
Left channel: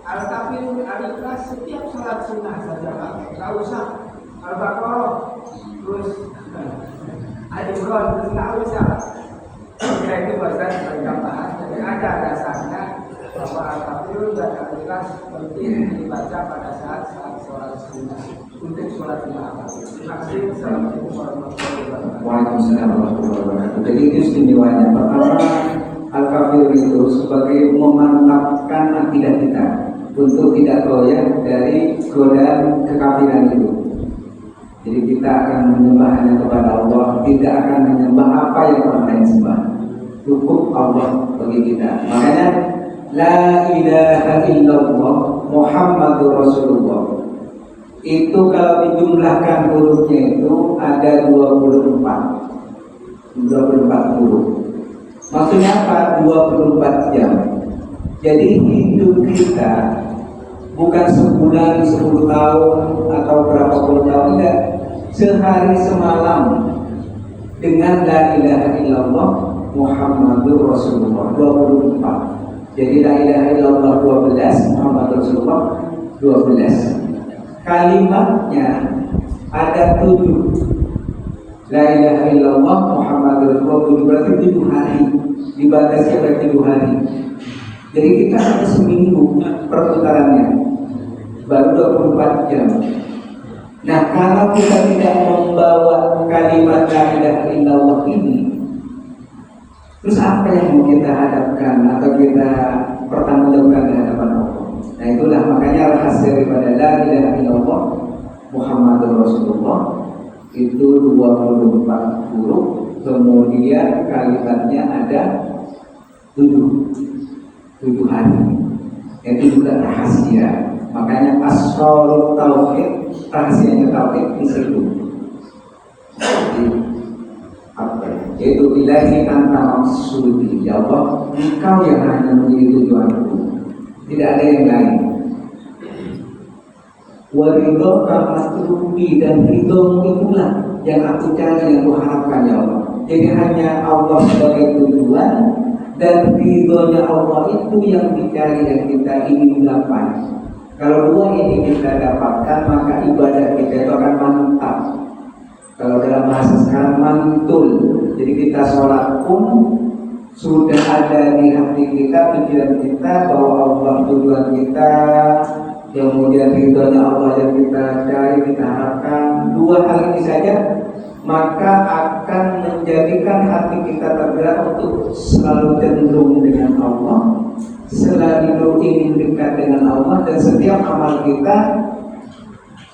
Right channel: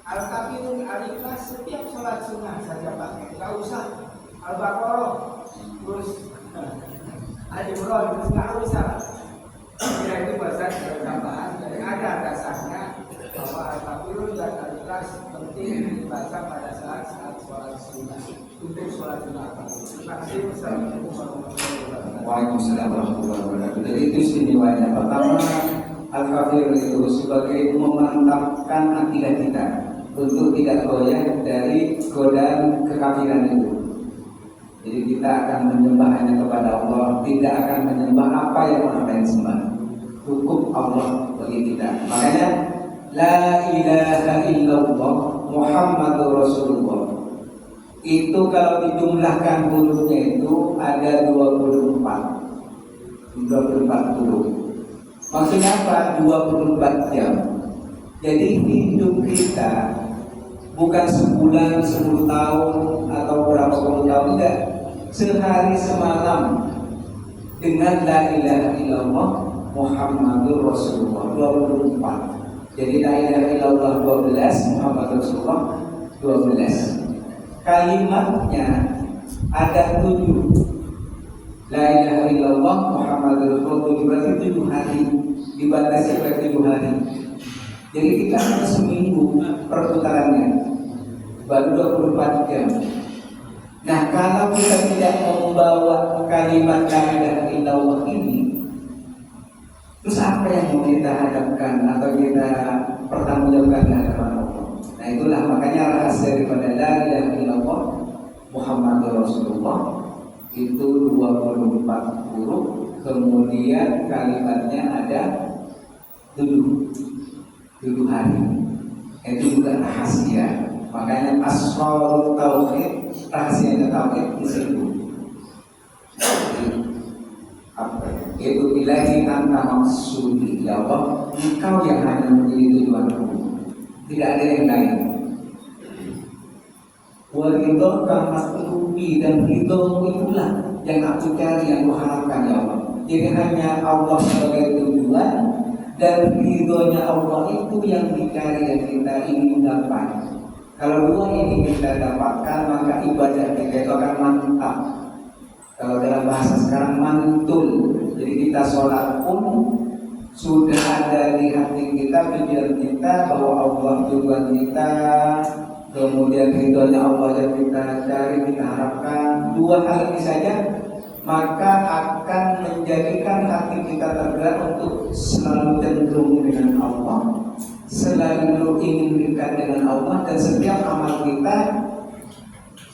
Al-Kafirun Al-Ikhlas setiap sholat sunnah saja pakai, nggak usah Al-Baqarah terus Al-Imran terus nggak usah. Ya itu bahasa tambahan. Jadi ada dasarnya bahwa Al-Kafirun dan Al-Ikhlas penting dibaca pada saat sholat sunnah. Untuk sholat sunnah. Terima kasih. Assalamualaikum warahmatullahi wabarakatuh. Waalaikumsalam warahmatullahi wabarakatuh. Jadi itu istimewanya. Pertama, Al-Kafir itu sebagai memantapkan akidah kita untuk tidak goyah dari godaan kekafiran itu. Jadi kita akan menyembah hanya kepada Allah, tidak akan menyembah apa yang orang lain sembah. Cukup Allah bagi kita. Makanya la ilaha illallah Muhammadur Rasulullah. Itu kalau dijumlahkan hurufnya itu ada 24 huruf. Maksudnya apa? 24 jam. Jadi hidup kita bukan sebulan, 10 tahun atau berapa puluh tahun, enggak. Sehari semalam dengan la ilaha illallah Muhammadur Rasulullah 24. Jadi la ilaha illallah 12, Muhammadur Rasulullah 12. Kalimatnya ada 7. La ilaha illallah Muhammadur Rasulullah 7, berarti 7 hari, dibatasi oleh 7 hari. Jadi kita hanya seminggu perputarannya, baru 24 jam. Nah, kalau kita tidak membawa kalimat la ilaha illallah ini, terus apa yang mau kita hadapkan atau kita pertanggungjawabkan di hadapan Allah? Nah, itulah makanya rahasia daripada la ilaha illallah Muhammadur Rasulullah itu 24 huruf, kemudian kalimatnya ada 7 hari. Itu juga rahasia. Makanya asrarut tauhid, rahasianya tauhid di situ. Jadi apa ya? Yaitu ilahi anta maksudi, ya Allah, engkau yang hanya menjadi tujuanku, tidak ada yang lain. Wa ridho kamatlubi, dan ridhomu itulah yang aku cari, yang aku harapkan, ya Allah. Jadi hanya Allah sebagai tujuan, dan ridhonya Allah itu yang dicari, yang kita ingin dapat. Kalau dua ini kita dapatkan, maka ibadah kita itu akan mantap. Kalau dalam bahasa sekarang mantul. Jadi kita sholat pun sudah ada di hati kita, tujuan kita, bahwa Allah tujuan kita, kemudian ridhonya Allah yang kita cari, kita harapkan. Dua hal ini saja maka akan menjadikan hati kita tergerak untuk selalu cenderung dengan Allah, selalu ingin dekat dengan Allah, dan setiap amal kita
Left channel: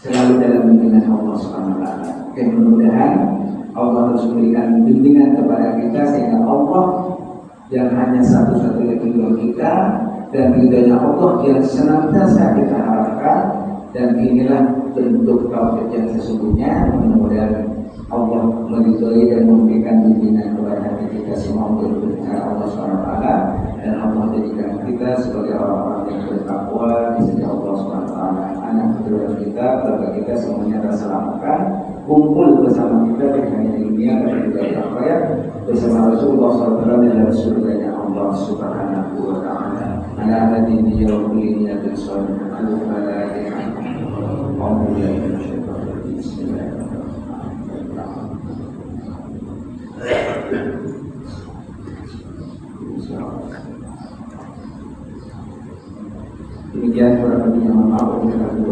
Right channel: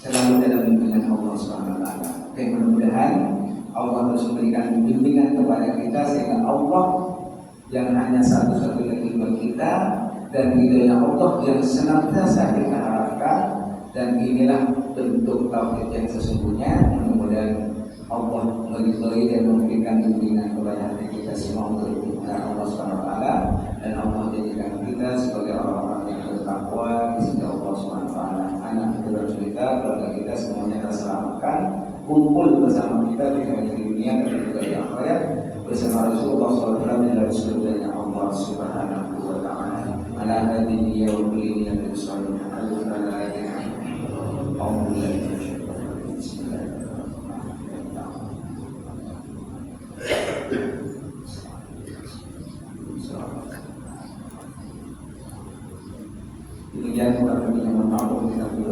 selalu dalam bimbingan Allah SWT. Dan mudah-mudahan Allah harus memberikan bimbingan kepada kita sehingga Allah yang hanya satu-satunya tujuan kita dan ridhonya Allah yang senantiasa kita harapkan. Dan inilah bentuk tauhid yang sesungguhnya. Mudah-mudahan Allah meridhoi dan memberikan bimbingan kepada hati kita semua untuk berdoa Allah SWT, dan Allah jadikan kita sebagai orang-orang yang bertakwa di sisi Allah SWT. Anak keturunan kita, keluarga kita semuanya terselamatkan, kumpul bersama kita tidak hanya di dunia tapi juga di akhirat bersama Rasulullah SAW dalam surganya Allah Subhanahu wa Ta'ala. Ala hadhihi yawmil yabil salihah al-falaih. Demikian kurang lebihnya, mohon maaf.